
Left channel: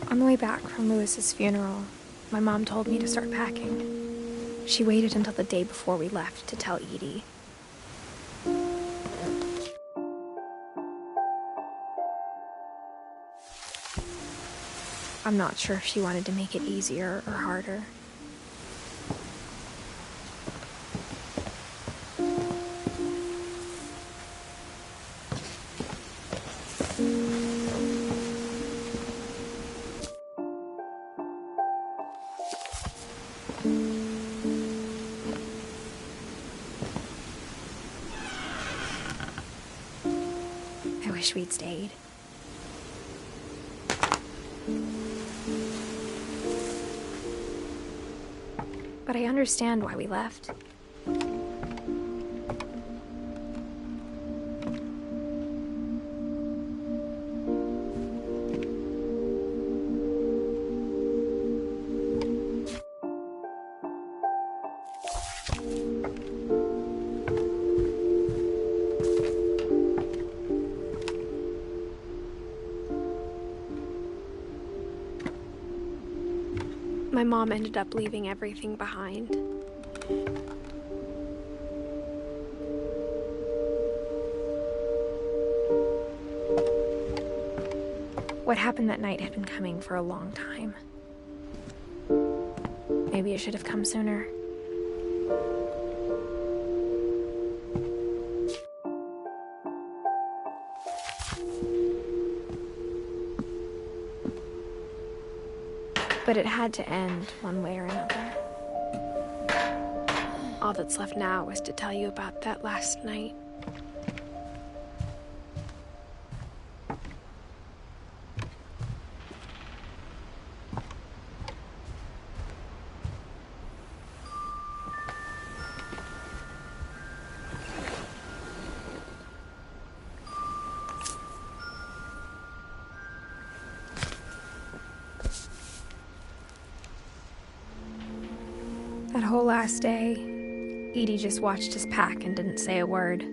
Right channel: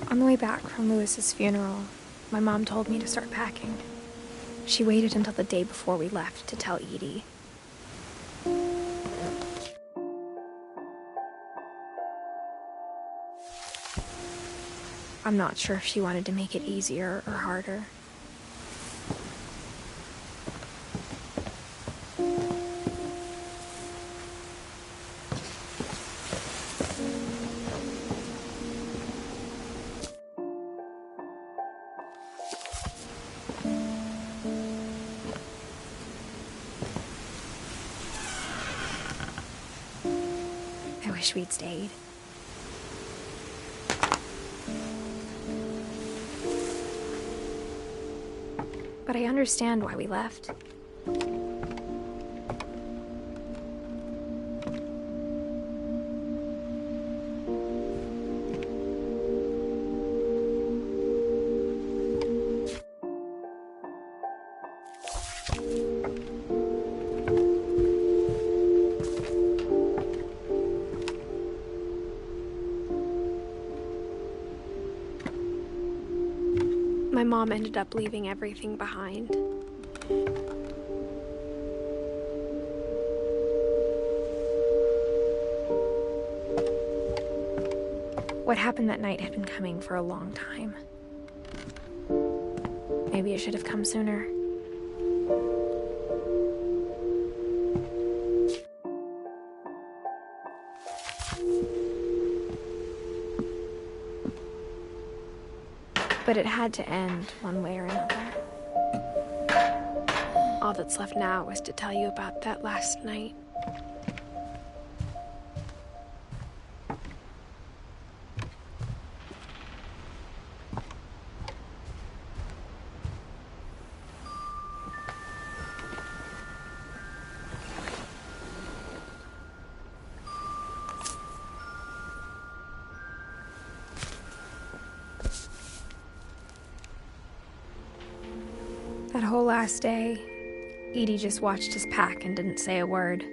On the way back from Lewis's funeral, my mom told me to start packing. She waited until the day before we left to tell Edie. I'm not sure if she wanted to make it easier or harder. I wish we'd stayed. But I understand why we left. My mom ended up leaving everything behind. What happened that night had been coming for a long time. Maybe it should have come sooner. But it had to end one way or another. All that's left now is to tell you about that last night. last day, Edie just watched us pack and didn't say a word.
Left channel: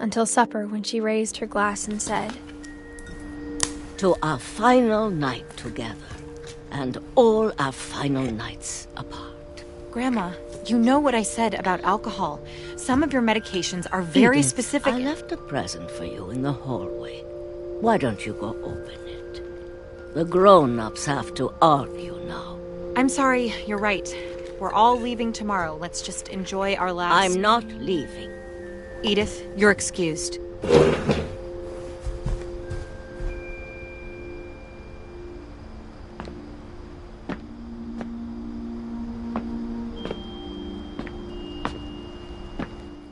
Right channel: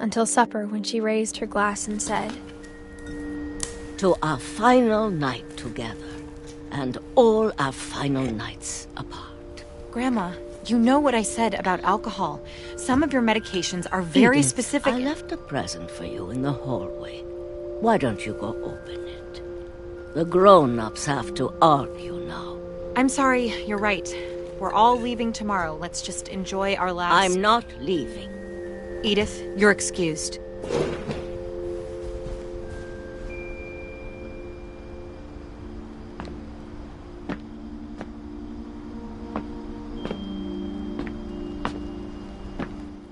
Until supper, when she raised her glass and said, "To our final night together, and all our final nights apart." Grandma, you know what I said about alcohol. Some of your medications are very Edith, specific. I left a present for you in the hallway. Why don't you go open it? The grown-ups have to argue now. I'm sorry, you're right. We're all leaving tomorrow. Let's just enjoy our last... I'm not leaving. Edith, you're excused.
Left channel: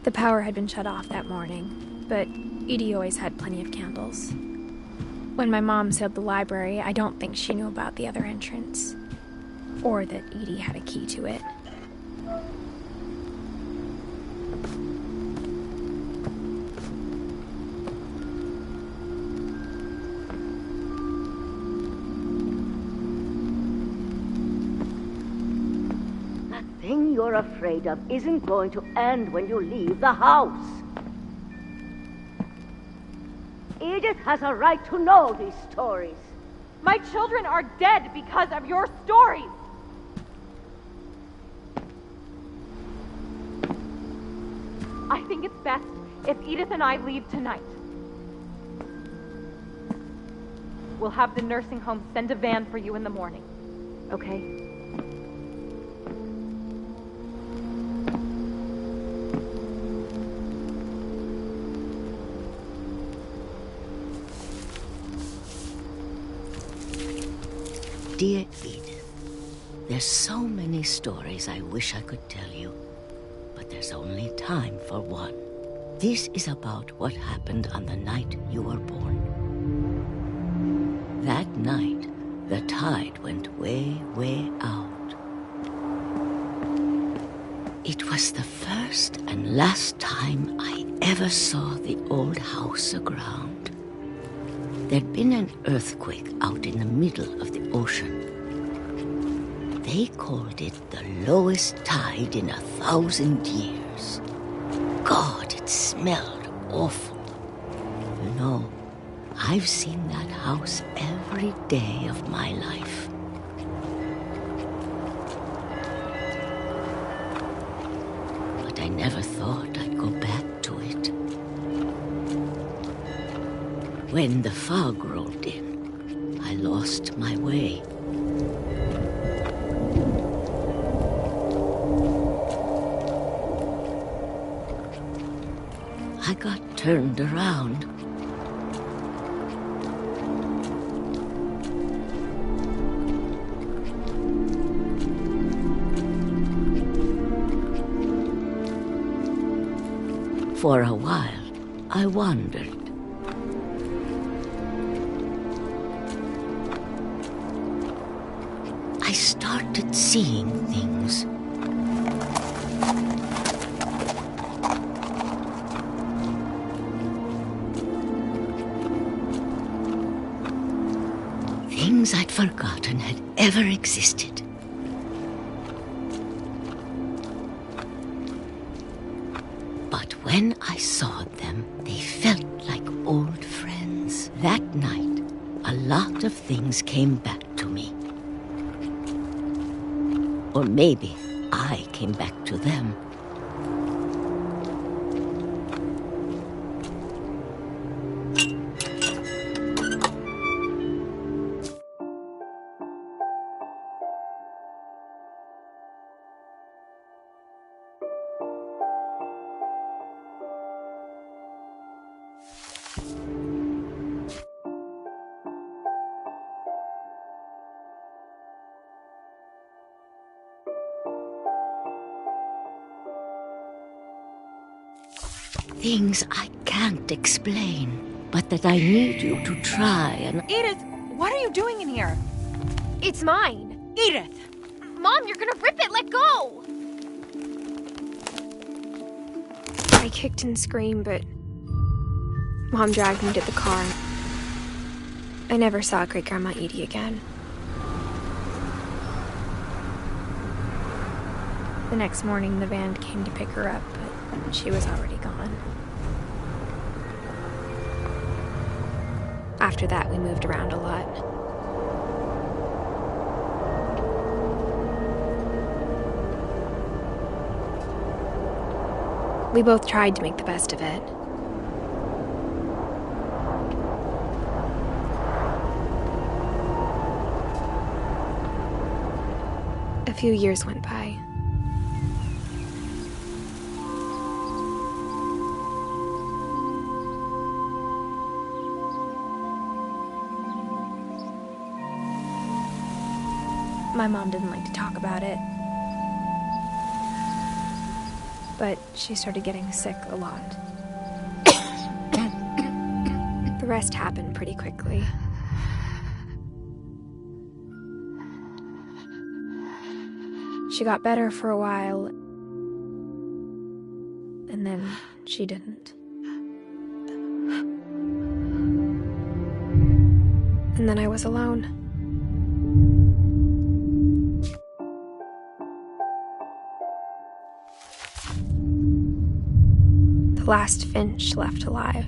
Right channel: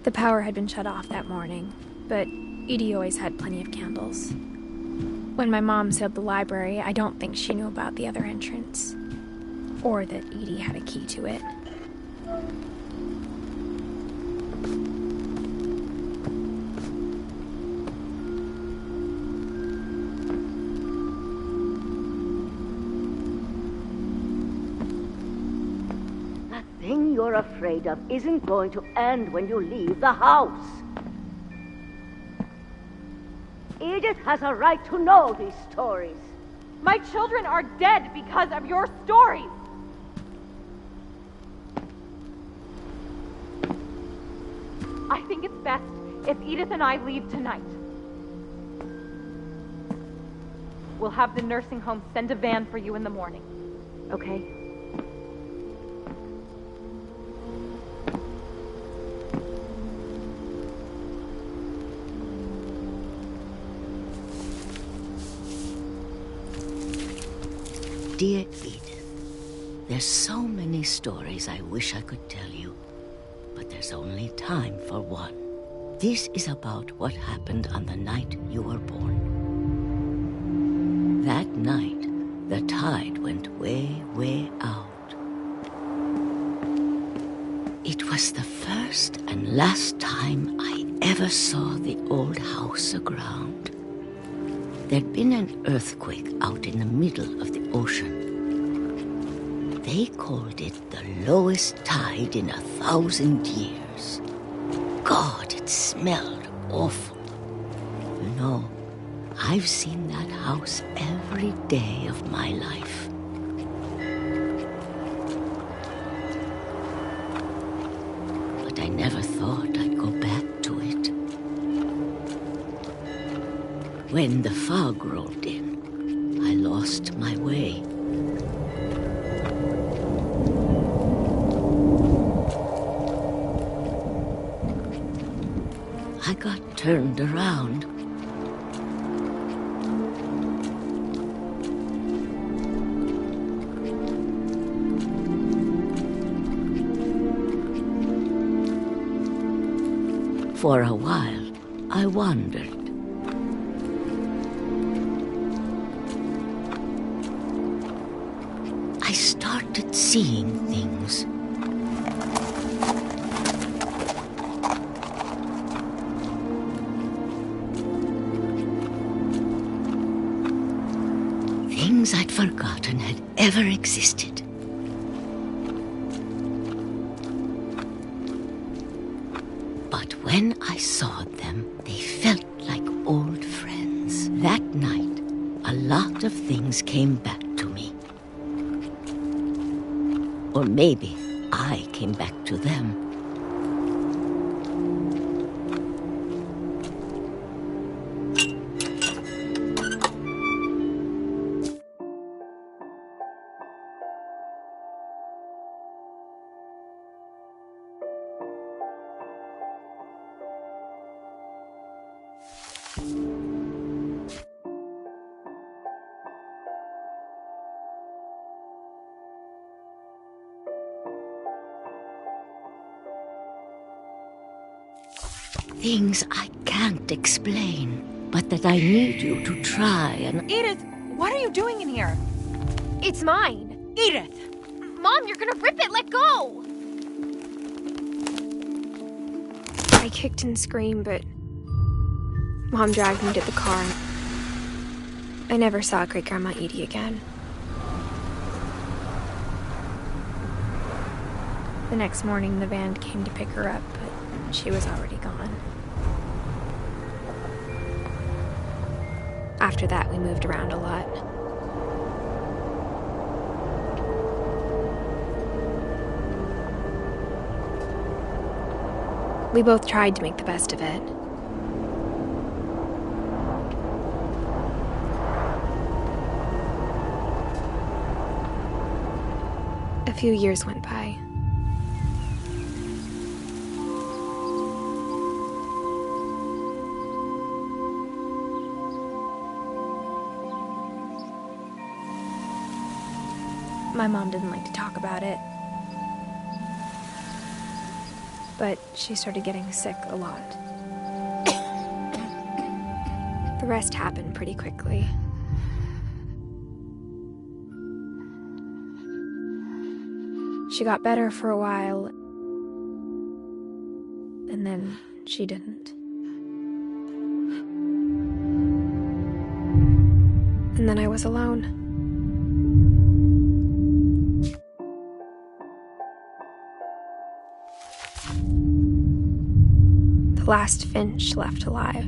The power had been shut off that morning, but Edie always had plenty of candles. When my mom sealed the library, I don't think she knew about the other entrance, or that Edie had a key to it. That thing you're afraid of isn't going to end when you leave the house. Edith has a right to know these stories. My children are dead because of your stories! I think it's best if Edith and I leave tonight. We'll have the nursing home send a van for you in the morning, okay? Dear Edith, there's so many stories I wish I could tell you, but there's only time for one. This is about what happened on the night you were born. That night, the tide went way, way out. It was the first and last time I ever saw the old house aground. There'd been an earthquake out in the middle of the ocean. They called it the lowest tide in 1,000 years. God, it smelled awful. You know, I've seen that house every day of my life. But I never thought I'd go back to it. When the fog rolled in, I lost my way. I got turned around. For a while, I wandered. I started seeing things. Things I'd forgotten had ever existed. But when I saw them, they felt like old friends. That night, a lot of things came back to me. Or maybe I came back to them. Things I can't explain, but that I need you to try and... Edith, what are you doing in here? It's mine! Edith! Mom, you're gonna rip it! Let go! I kicked and screamed, but Mom dragged me to the car. I never saw Great-Grandma Edie again. The next morning, the van came to pick her up, but she was already gone. After that, we moved around a lot. We both tried to make the best of it. A few years went by. My mom didn't like to talk about it, but she started getting sick a lot. The rest happened pretty quickly. She got better for a while, and then she didn't. And then I was alone. The last Finch left alive.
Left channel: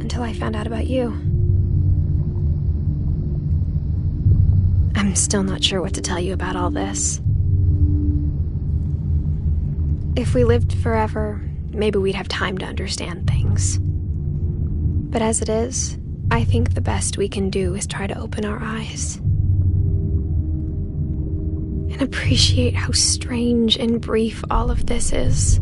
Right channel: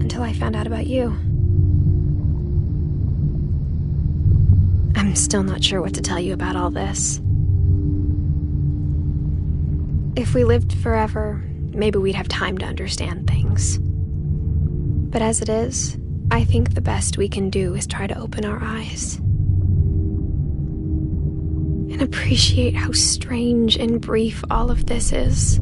Until I found out about you. I'm still not sure what to tell you about all this. If we lived forever, maybe we'd have time to understand things. But as it is, I think the best we can do is try to open our eyes. And appreciate how strange and brief all of this is.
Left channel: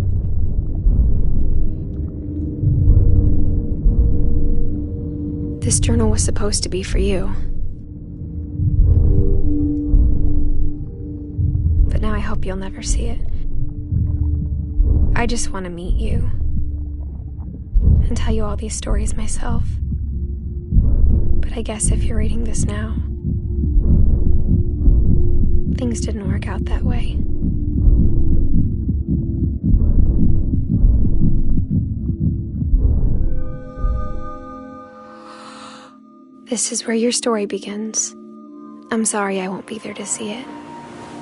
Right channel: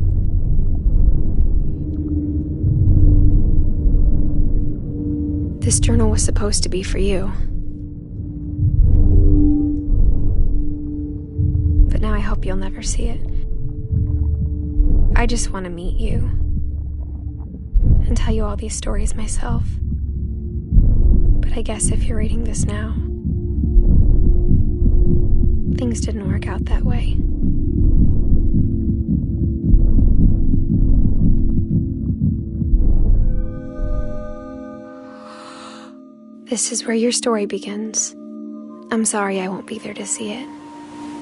This journal was supposed to be for you. But now I hope you'll never see it. I just want to meet you and tell you all these stories myself. But I guess if you're reading this now, things didn't work out that way. This is where your story begins. I'm sorry I won't be there to see it.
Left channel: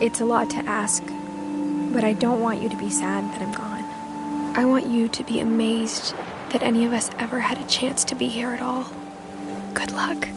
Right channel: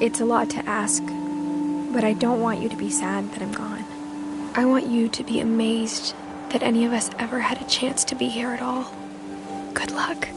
It's a lot to ask, but I don't want you to be sad that I'm gone. I want you to be amazed that any of us ever had a chance to be here at all. Good luck.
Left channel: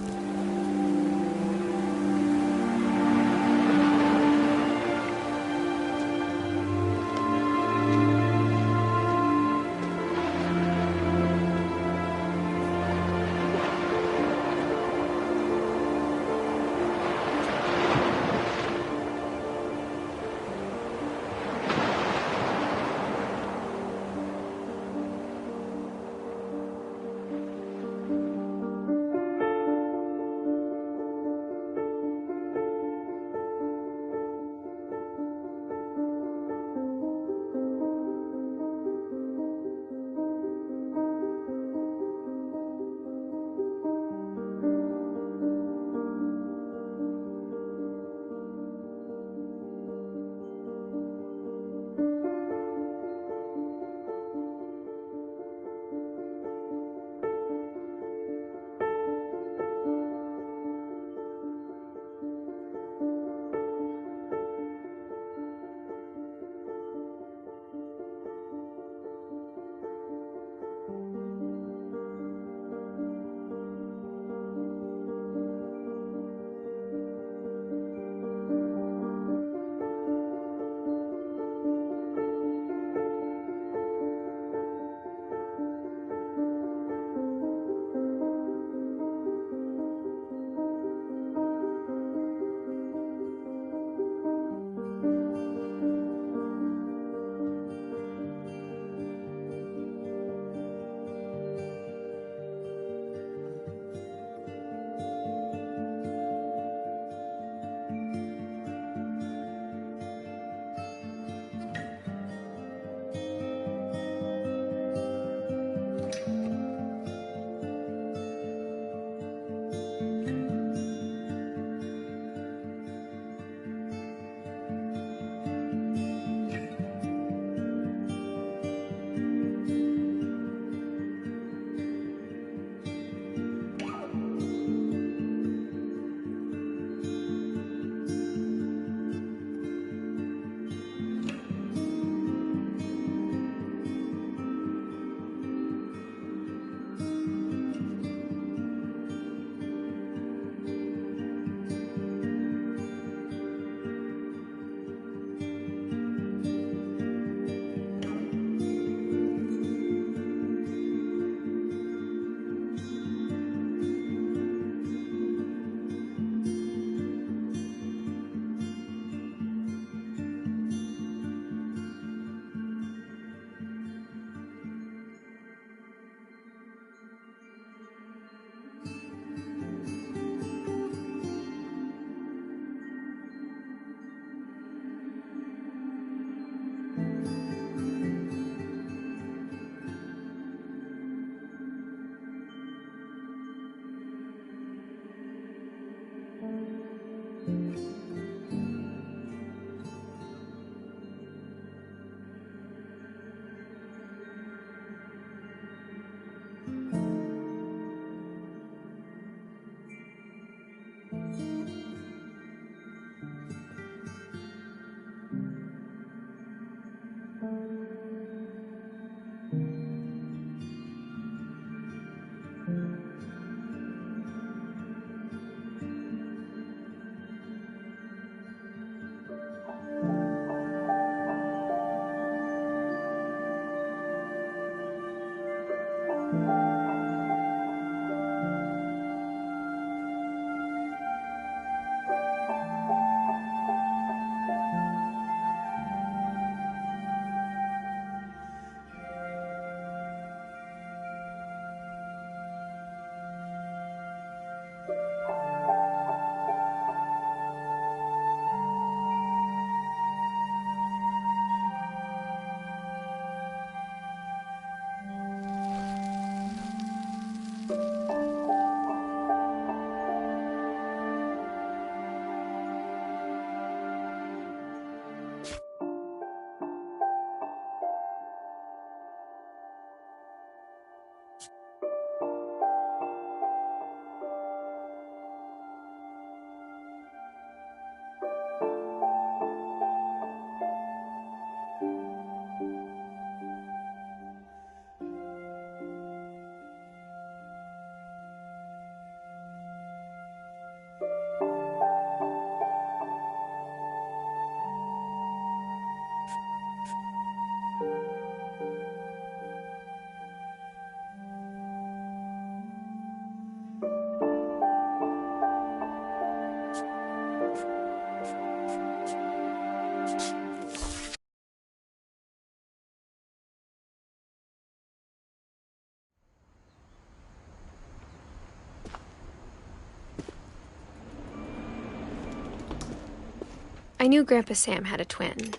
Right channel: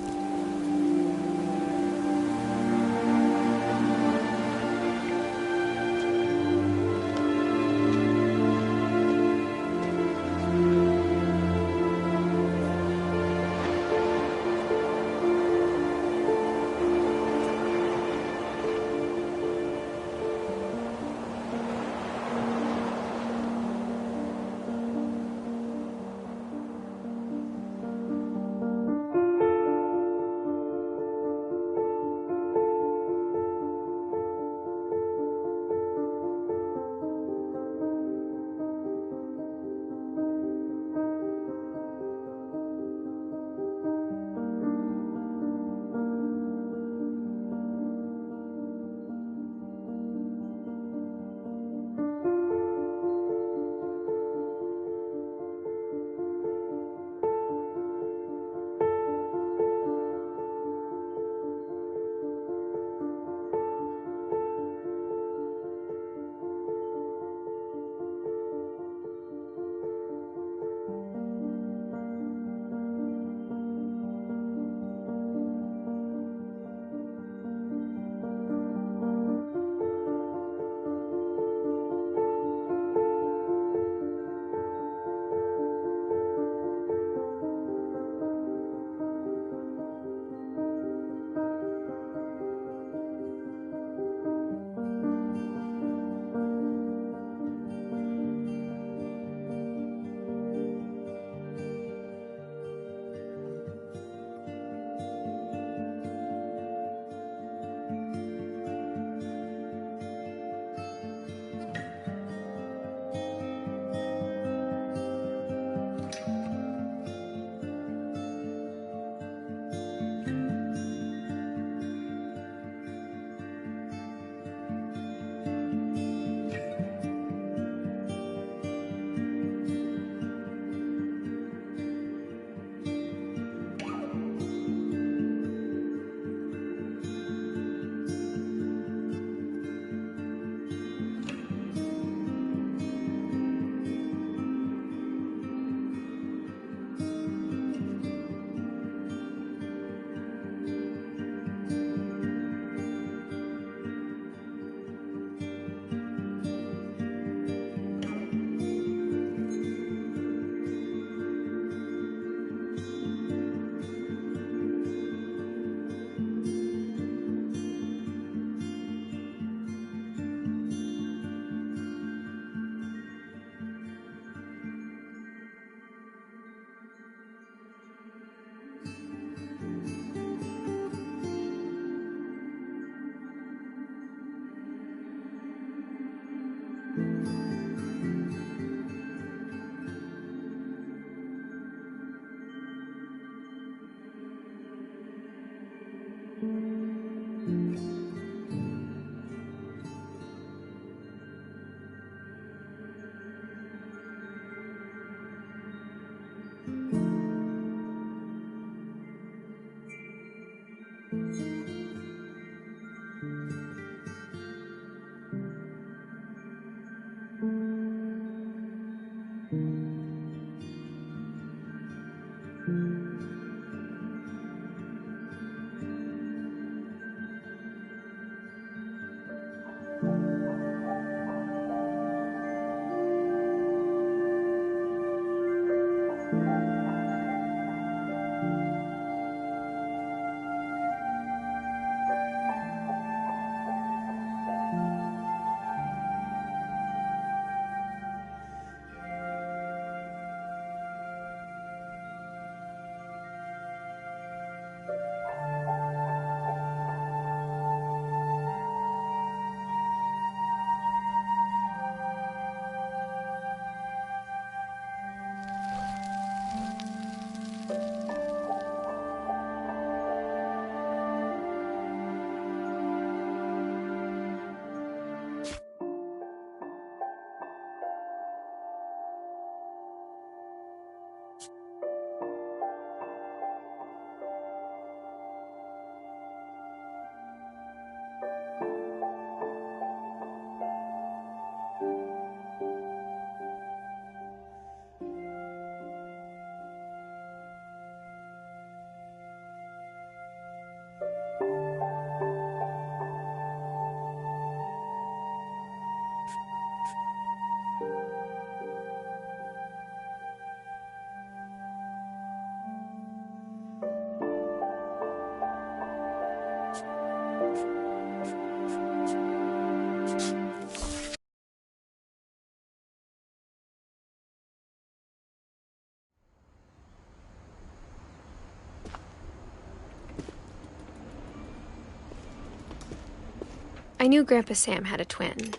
I knew Grandpa Sam had a twin,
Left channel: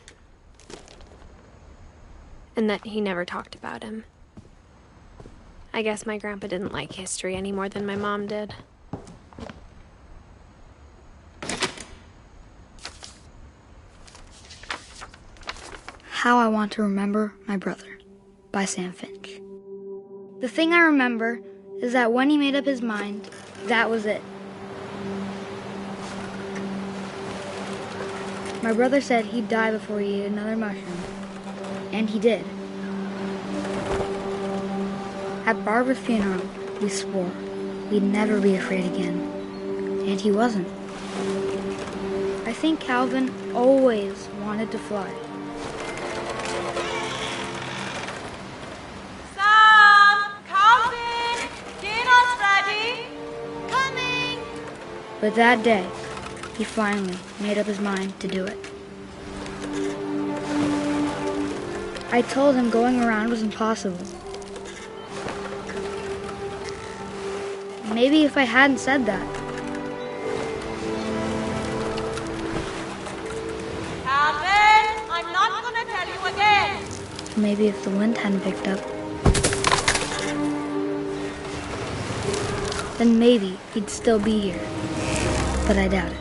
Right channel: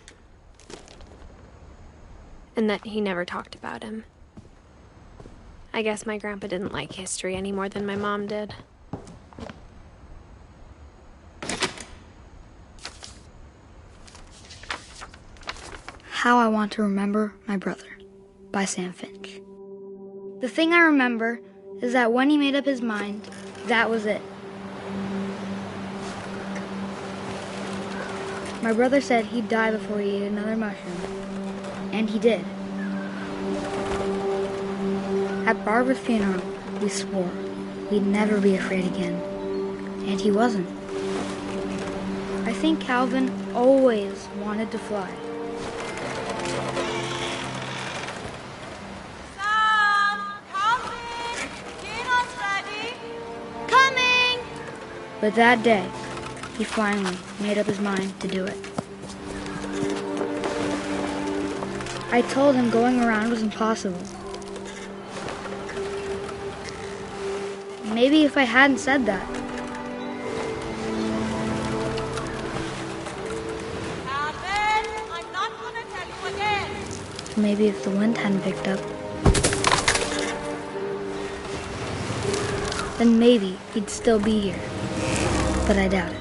and that he never talked about him. I guess my grandpa didn't like history any more than my mom did. How I Want to Remember My Brother by Sam Finch. The thing I remember is that when he made up his mind, that was it. My brother said he'd die before he ate another mushroom, and he did. At Barbara's funeral, we swore we'd never be afraid again, and he wasn't. I think Calvin always wanted to fly. Sam! Calvin! Dinner's ready! Coming! But that day, he finally made up his mind to do it. I told him going around was impossible. Maybe if I hadn't said that. Calvin, I'm not gonna tell you again. Maybe if the wind hadn't picked up. Then maybe he'd still be here. But I doubt it.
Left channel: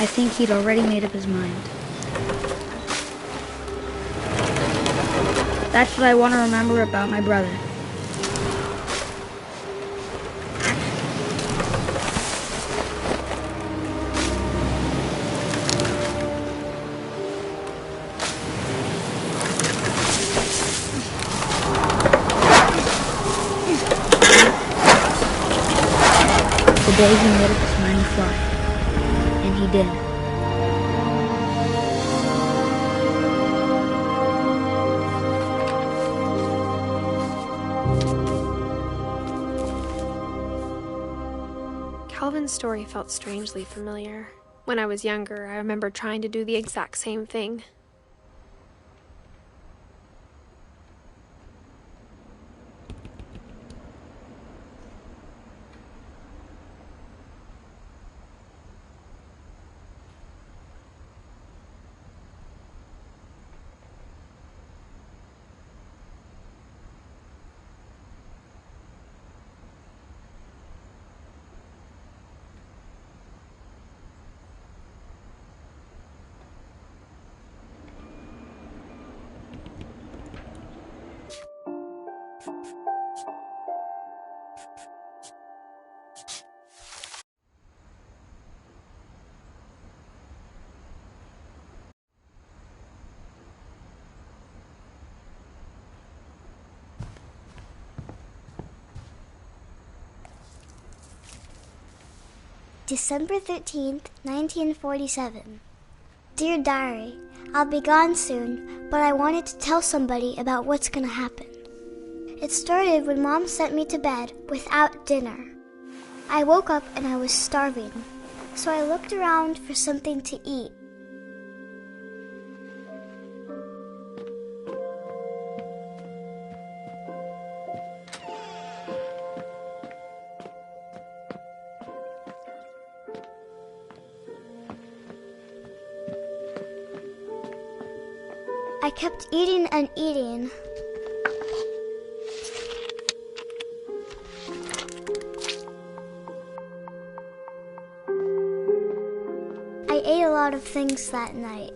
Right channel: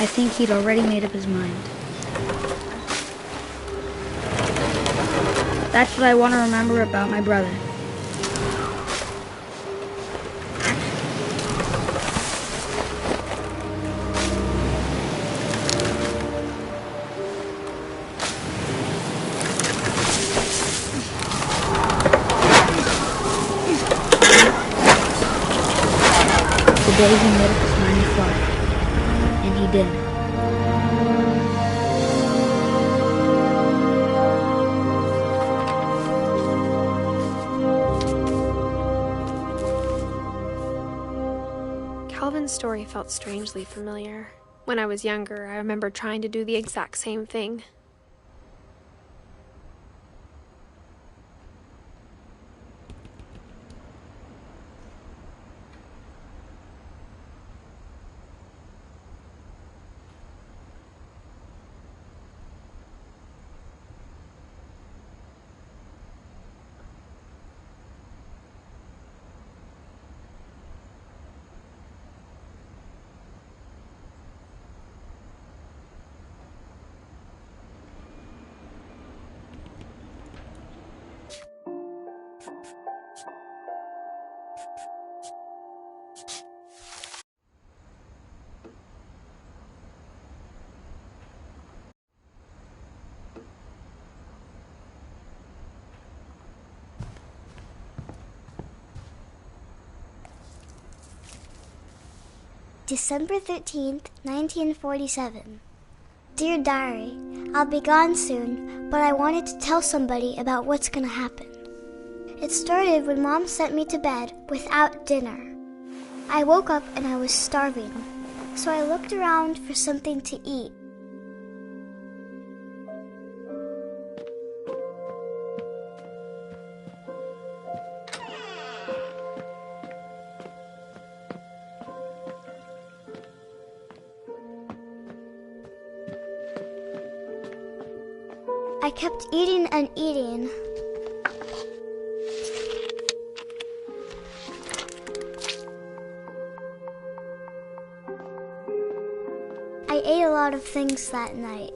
I think he'd already made up his mind. That's what I want to remember about my brother. The day he made up his mind to fly. And he did. Calvin's story felt strangely familiar. When I was younger, I remember trying to do the exact same thing. December 13th, 1947. Dear Diary, I'll be gone soon, but I wanted to tell somebody about what's gonna happen. It started when Mom sent me to bed without dinner. I woke up and I was starving, so I looked around for something to eat. I kept eating and eating. I ate a lot of things that night.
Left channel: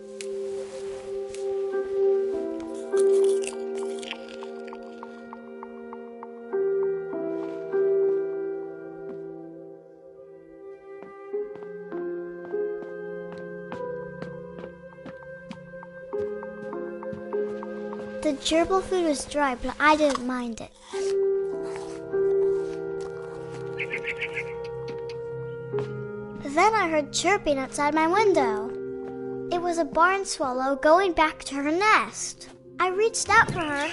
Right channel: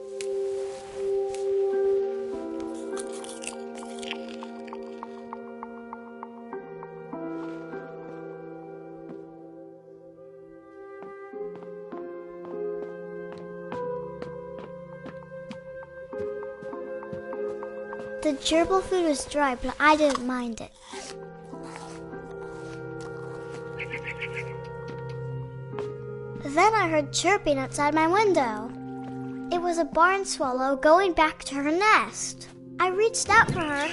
The gerbil food was dry, but I didn't mind it. Then I heard chirping outside my window. It was a barn swallow going back to her nest. I reached out for her.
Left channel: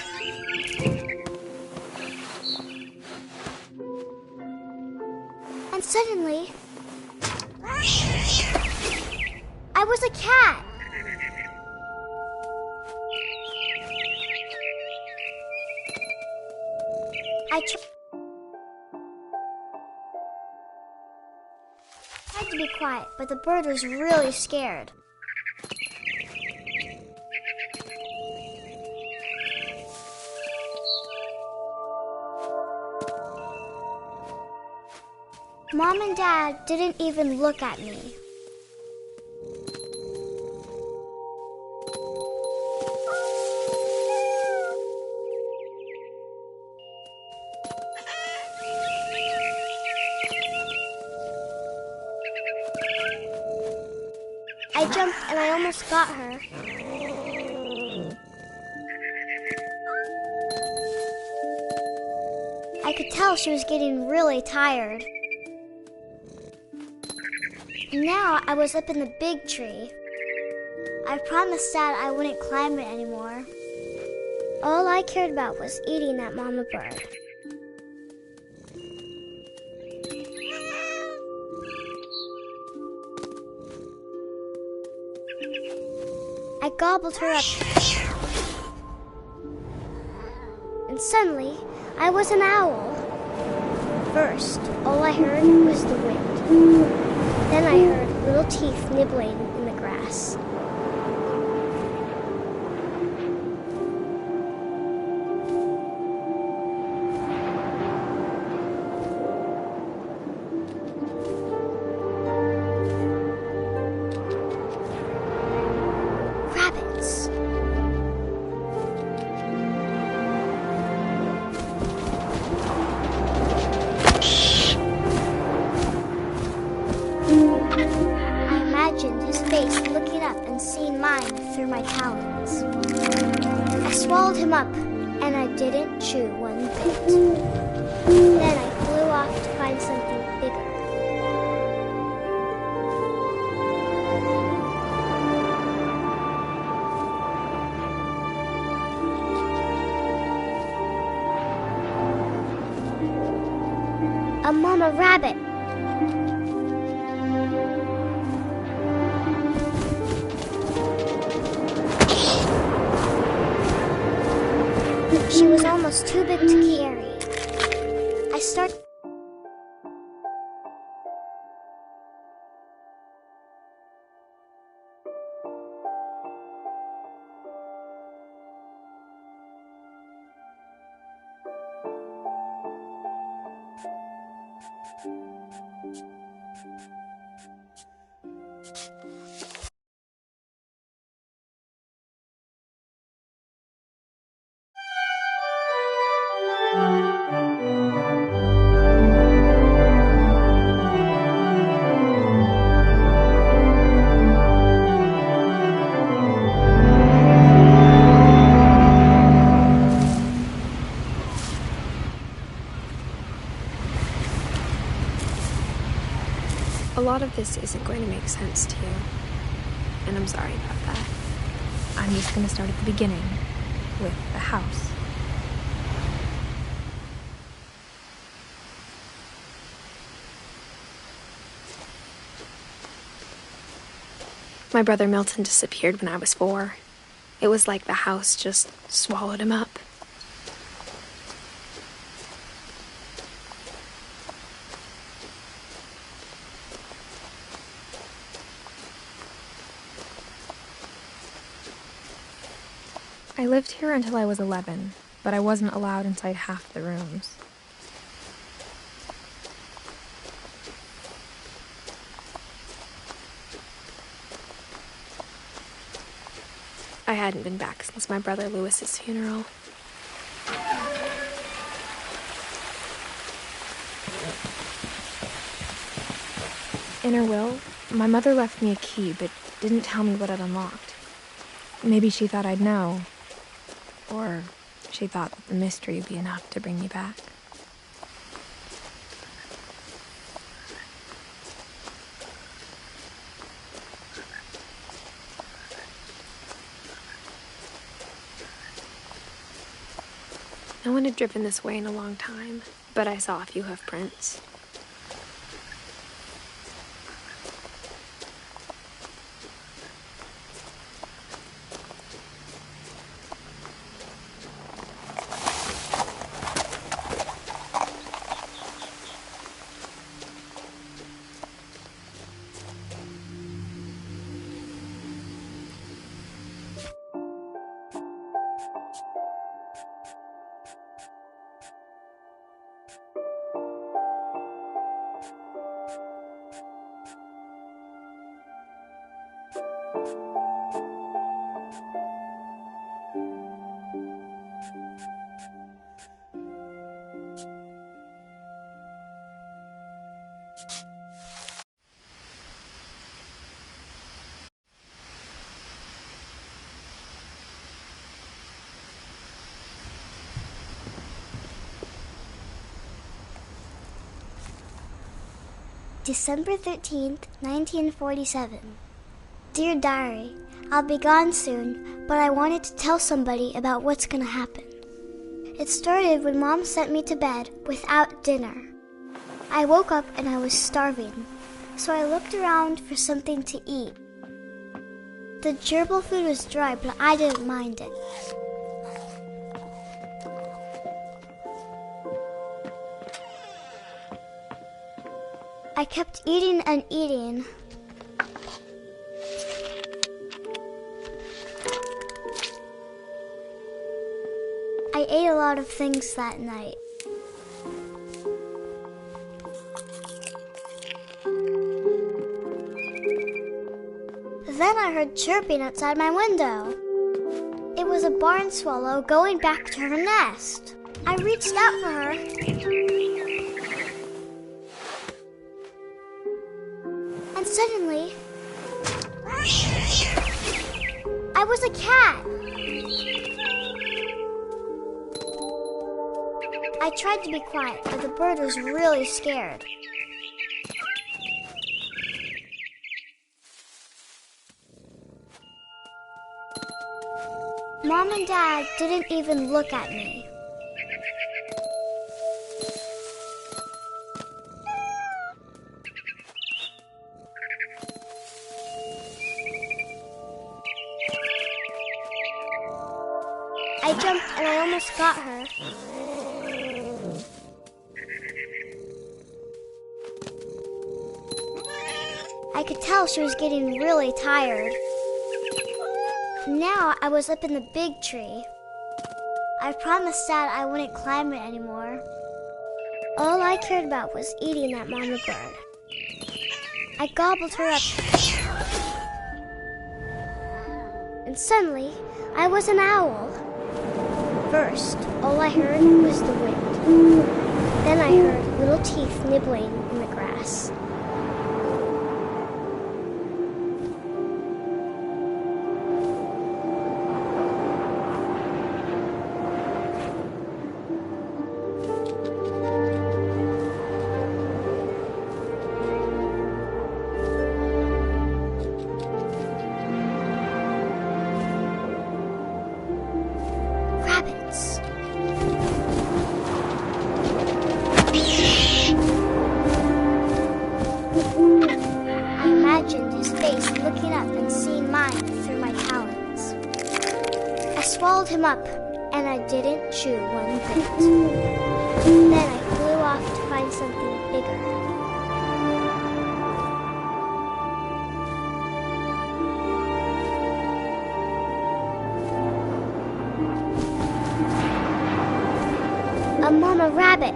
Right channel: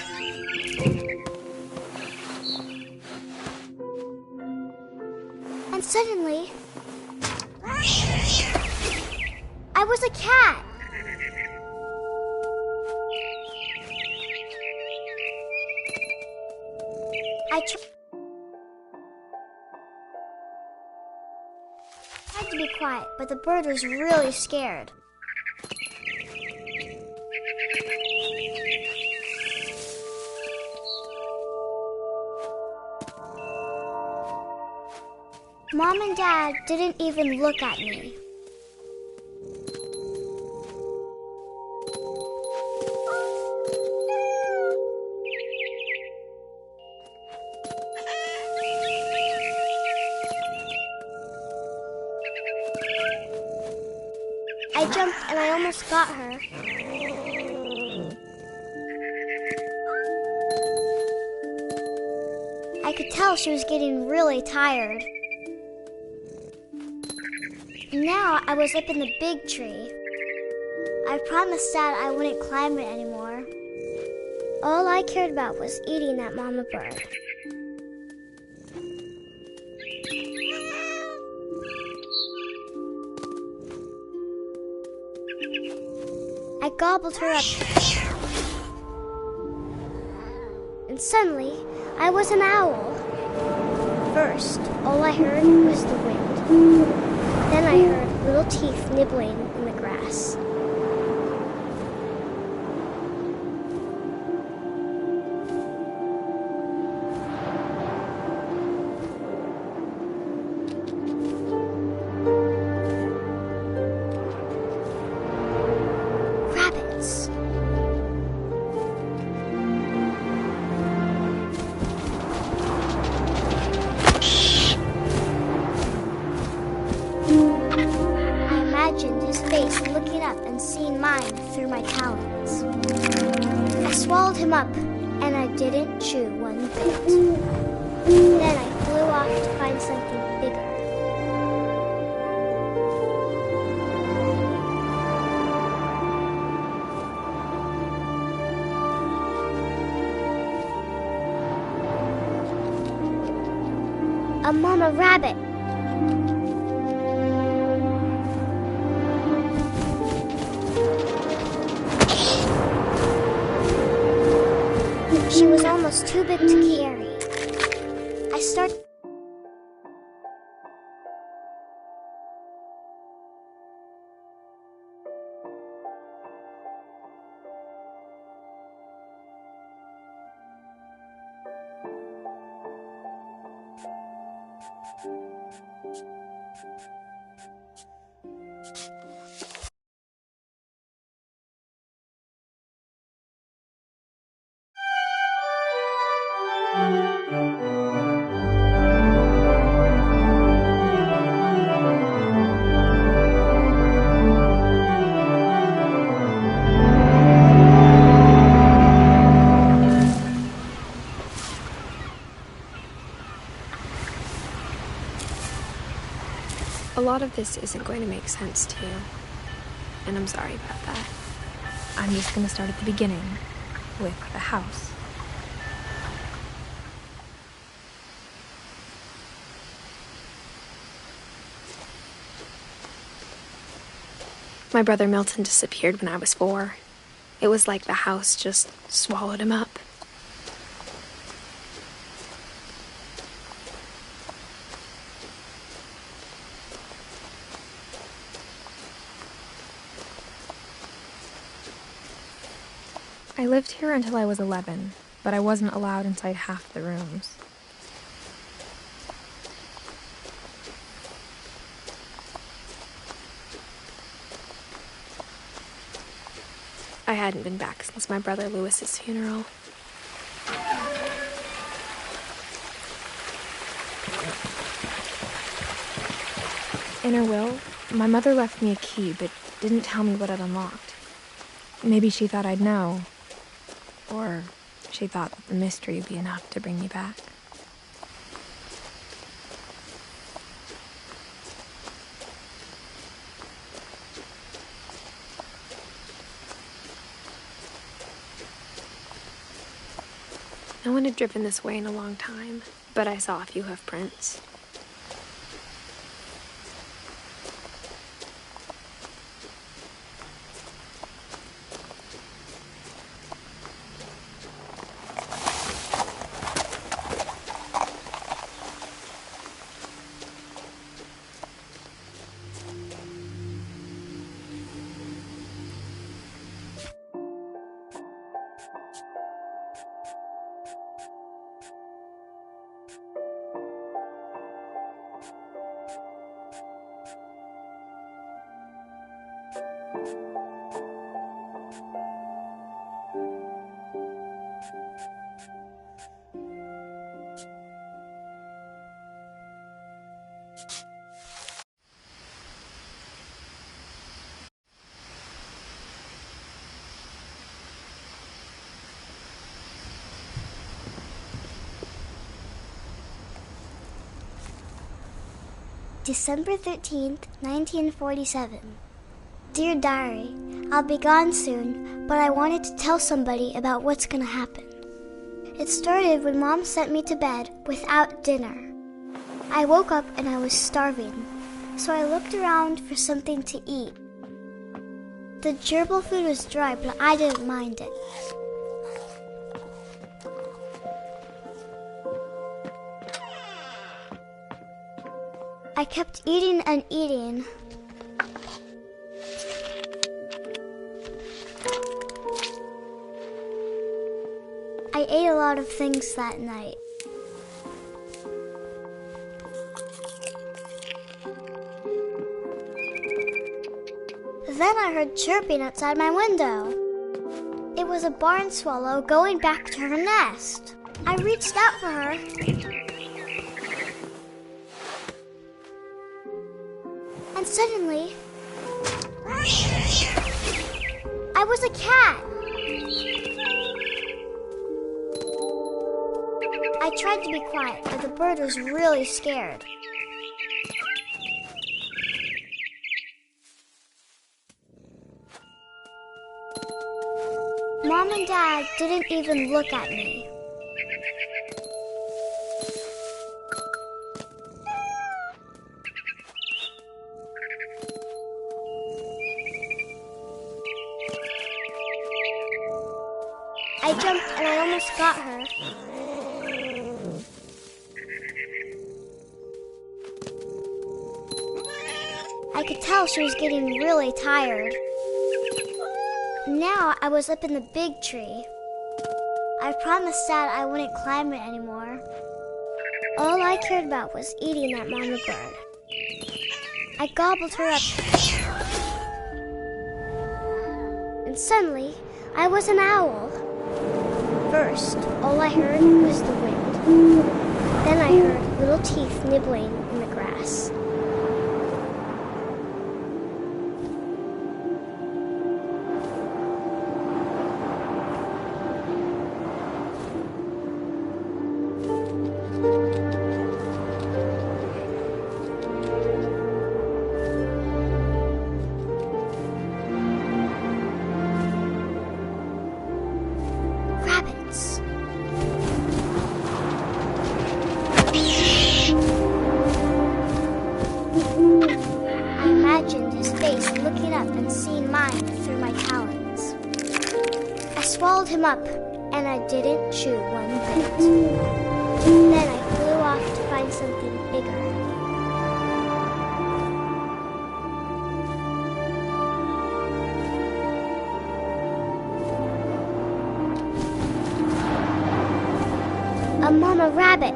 And suddenly, I was a cat. I tried to be quiet, but the bird was really scared. Mom and Dad didn't even look at me. I jumped and I almost got her. I could tell she was getting really tired. Now I was up in the big tree. I promised Dad I wouldn't climb it anymore. All I cared about was eating that mama bird. I gobbled her up. And suddenly, I was an owl. First, all I heard was the wind. Then I heard little teeth nibbling in the grass. Rabbits. I imagined his face looking up and seeing mine through my talons. I swallowed him up, and I didn't chew one bit. Then I flew off to find something bigger. A mama rabbit. She was almost too big to carry. I started. A lot of this isn't going to make sense to you, and I'm sorry about that. I'm just going to start at the beginning, with the house. My brother Milton disappeared when I was 4. It was like the house just swallowed him up. I lived here until I was 11, but I wasn't allowed inside half the rooms. I hadn't been back since my brother Lewis's funeral. In her will, my mother left me a key, but didn't tell me what it unlocked. Maybe she thought I'd know. Or she thought that the mystery would be enough to bring me back. No one had driven this way in a long time, but I saw a few hoof prints. December 13th, 1947. Dear Diary, I'll be gone soon, but I wanted to tell somebody about what's gonna happen. It started when Mom sent me to bed without dinner. I woke up and I was starving, so I looked around for something to eat. The gerbil food was dry, but I didn't mind it. I kept eating and eating. I ate a lot of things that night. Then I heard chirping outside my window. It was a barn swallow going back to her nest. I reached out for her. And suddenly, I was a cat. I tried to be quiet, but the bird was really scared. Mom and Dad didn't even look at me. I jumped and I almost got her. I could tell she was getting really tired. Now I was up in the big tree. I promised Dad I wouldn't climb it anymore. All I cared about was eating that mama bird. I gobbled her up. And suddenly, I was an owl. First, all I heard was the wind. Then I heard little teeth nibbling in the grass. him up, and I didn't chew one bit. Then I flew off to find something bigger. A mama rabbit.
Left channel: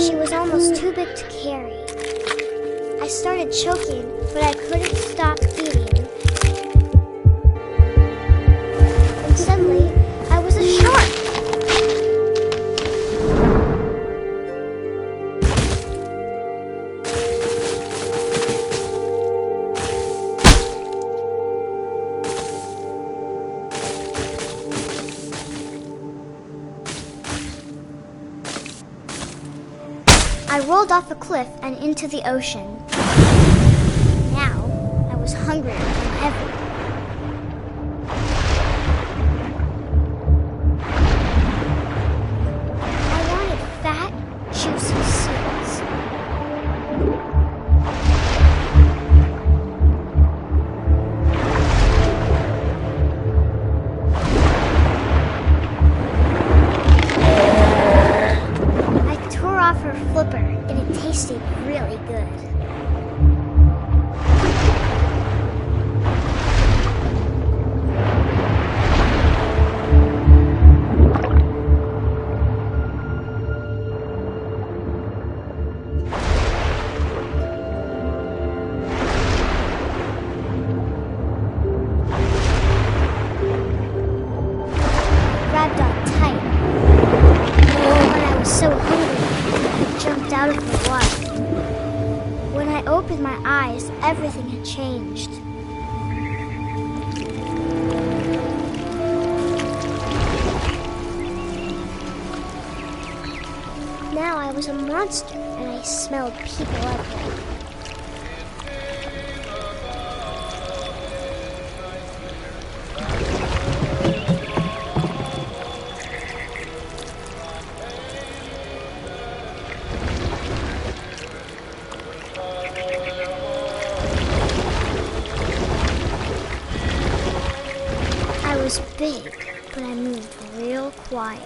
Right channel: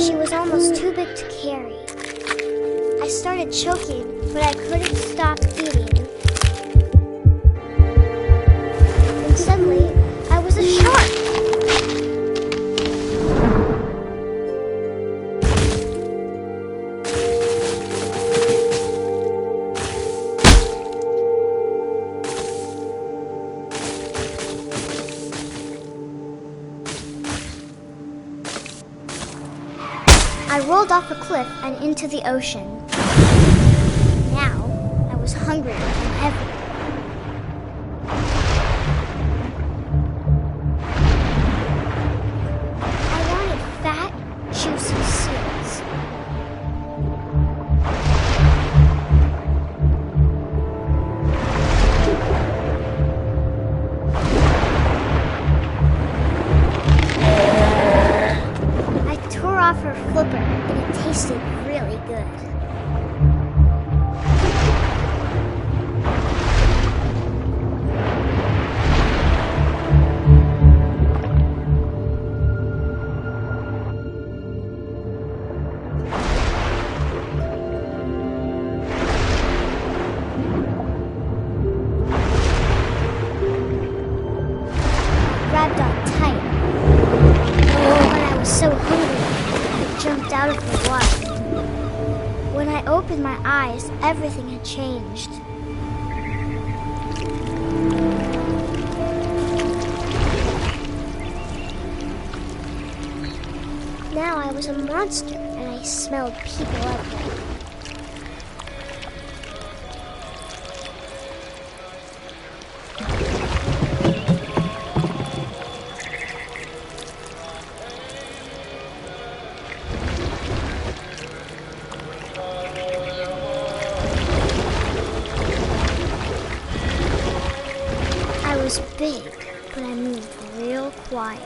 She was almost too big to carry. I started choking, but I couldn't stop eating. And suddenly, I was a shark. I rolled off a cliff and into the ocean. Now, I was hungrier than ever. I wanted fat, juicy seals. I tore off her flipper, and it tasted really good. Grabbed on tight. But I was so hungry, I jumped out of the water. When I opened my eyes, everything had changed. Now I was a monster, and I smelled people everywhere. I was big, but I moved real quiet.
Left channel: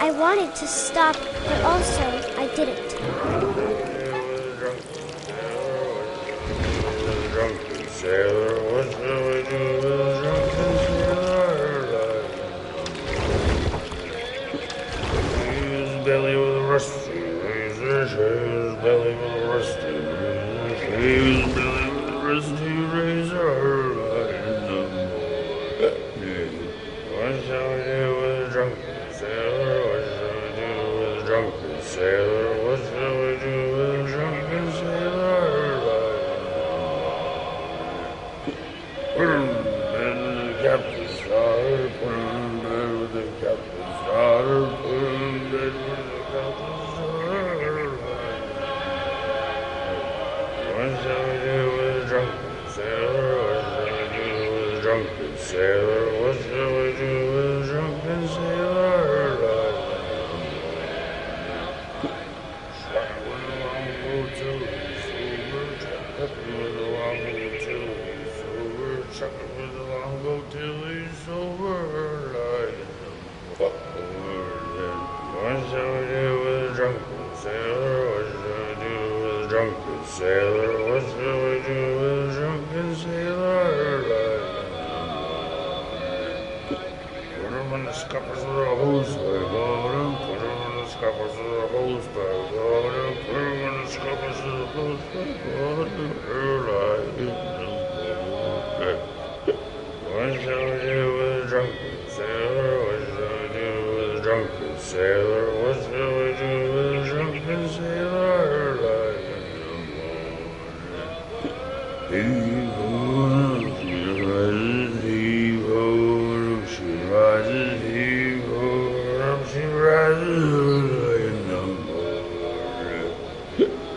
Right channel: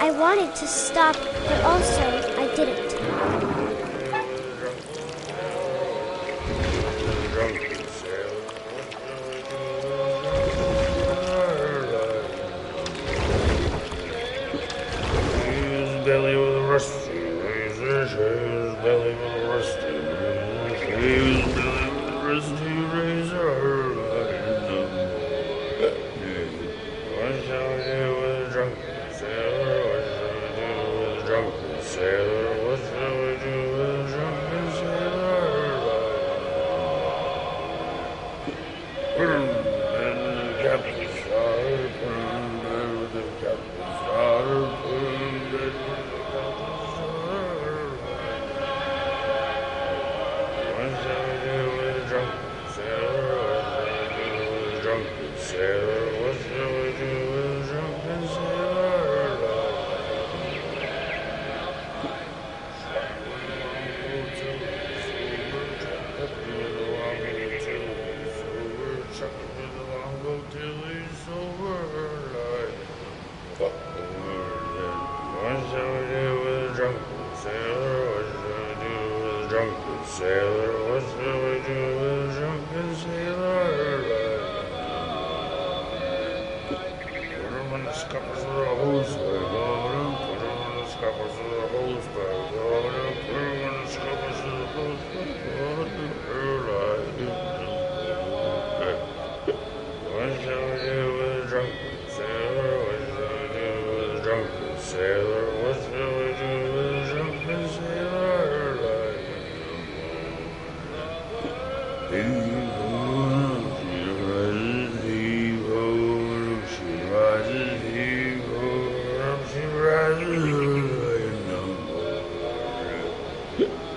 I wanted to stop, but also I didn't. Belly with a rusty razor, his belly with a rusty razor, his belly with a rusty razor. What shall we do with a drunken sailor? What shall we do with a drunken sailor? What shall we do with a drunken sailor? Put him in the captain's daughter, put him in bed with the captain's daughter, put him in bed with the captain's daughter. What shall we do with a drunken sailor? What shall we do with a drunken sailor? What shall we do with a drunken sailor? Chuck with the longboat till he's sober. What shall we do with a drunken sailor? What shall we do with a drunken sailor? What shall we do with a drunken sailor? Put him in the scuppers of the hose bag, put him in the scuppers of the hose bag, put him in the scuppers of the hose bag. What shall we do with a drunken sailor? What shall we do with a drunken sailor? What shall we do with a drunken sailor? Heave ho, heave ho, Yeah.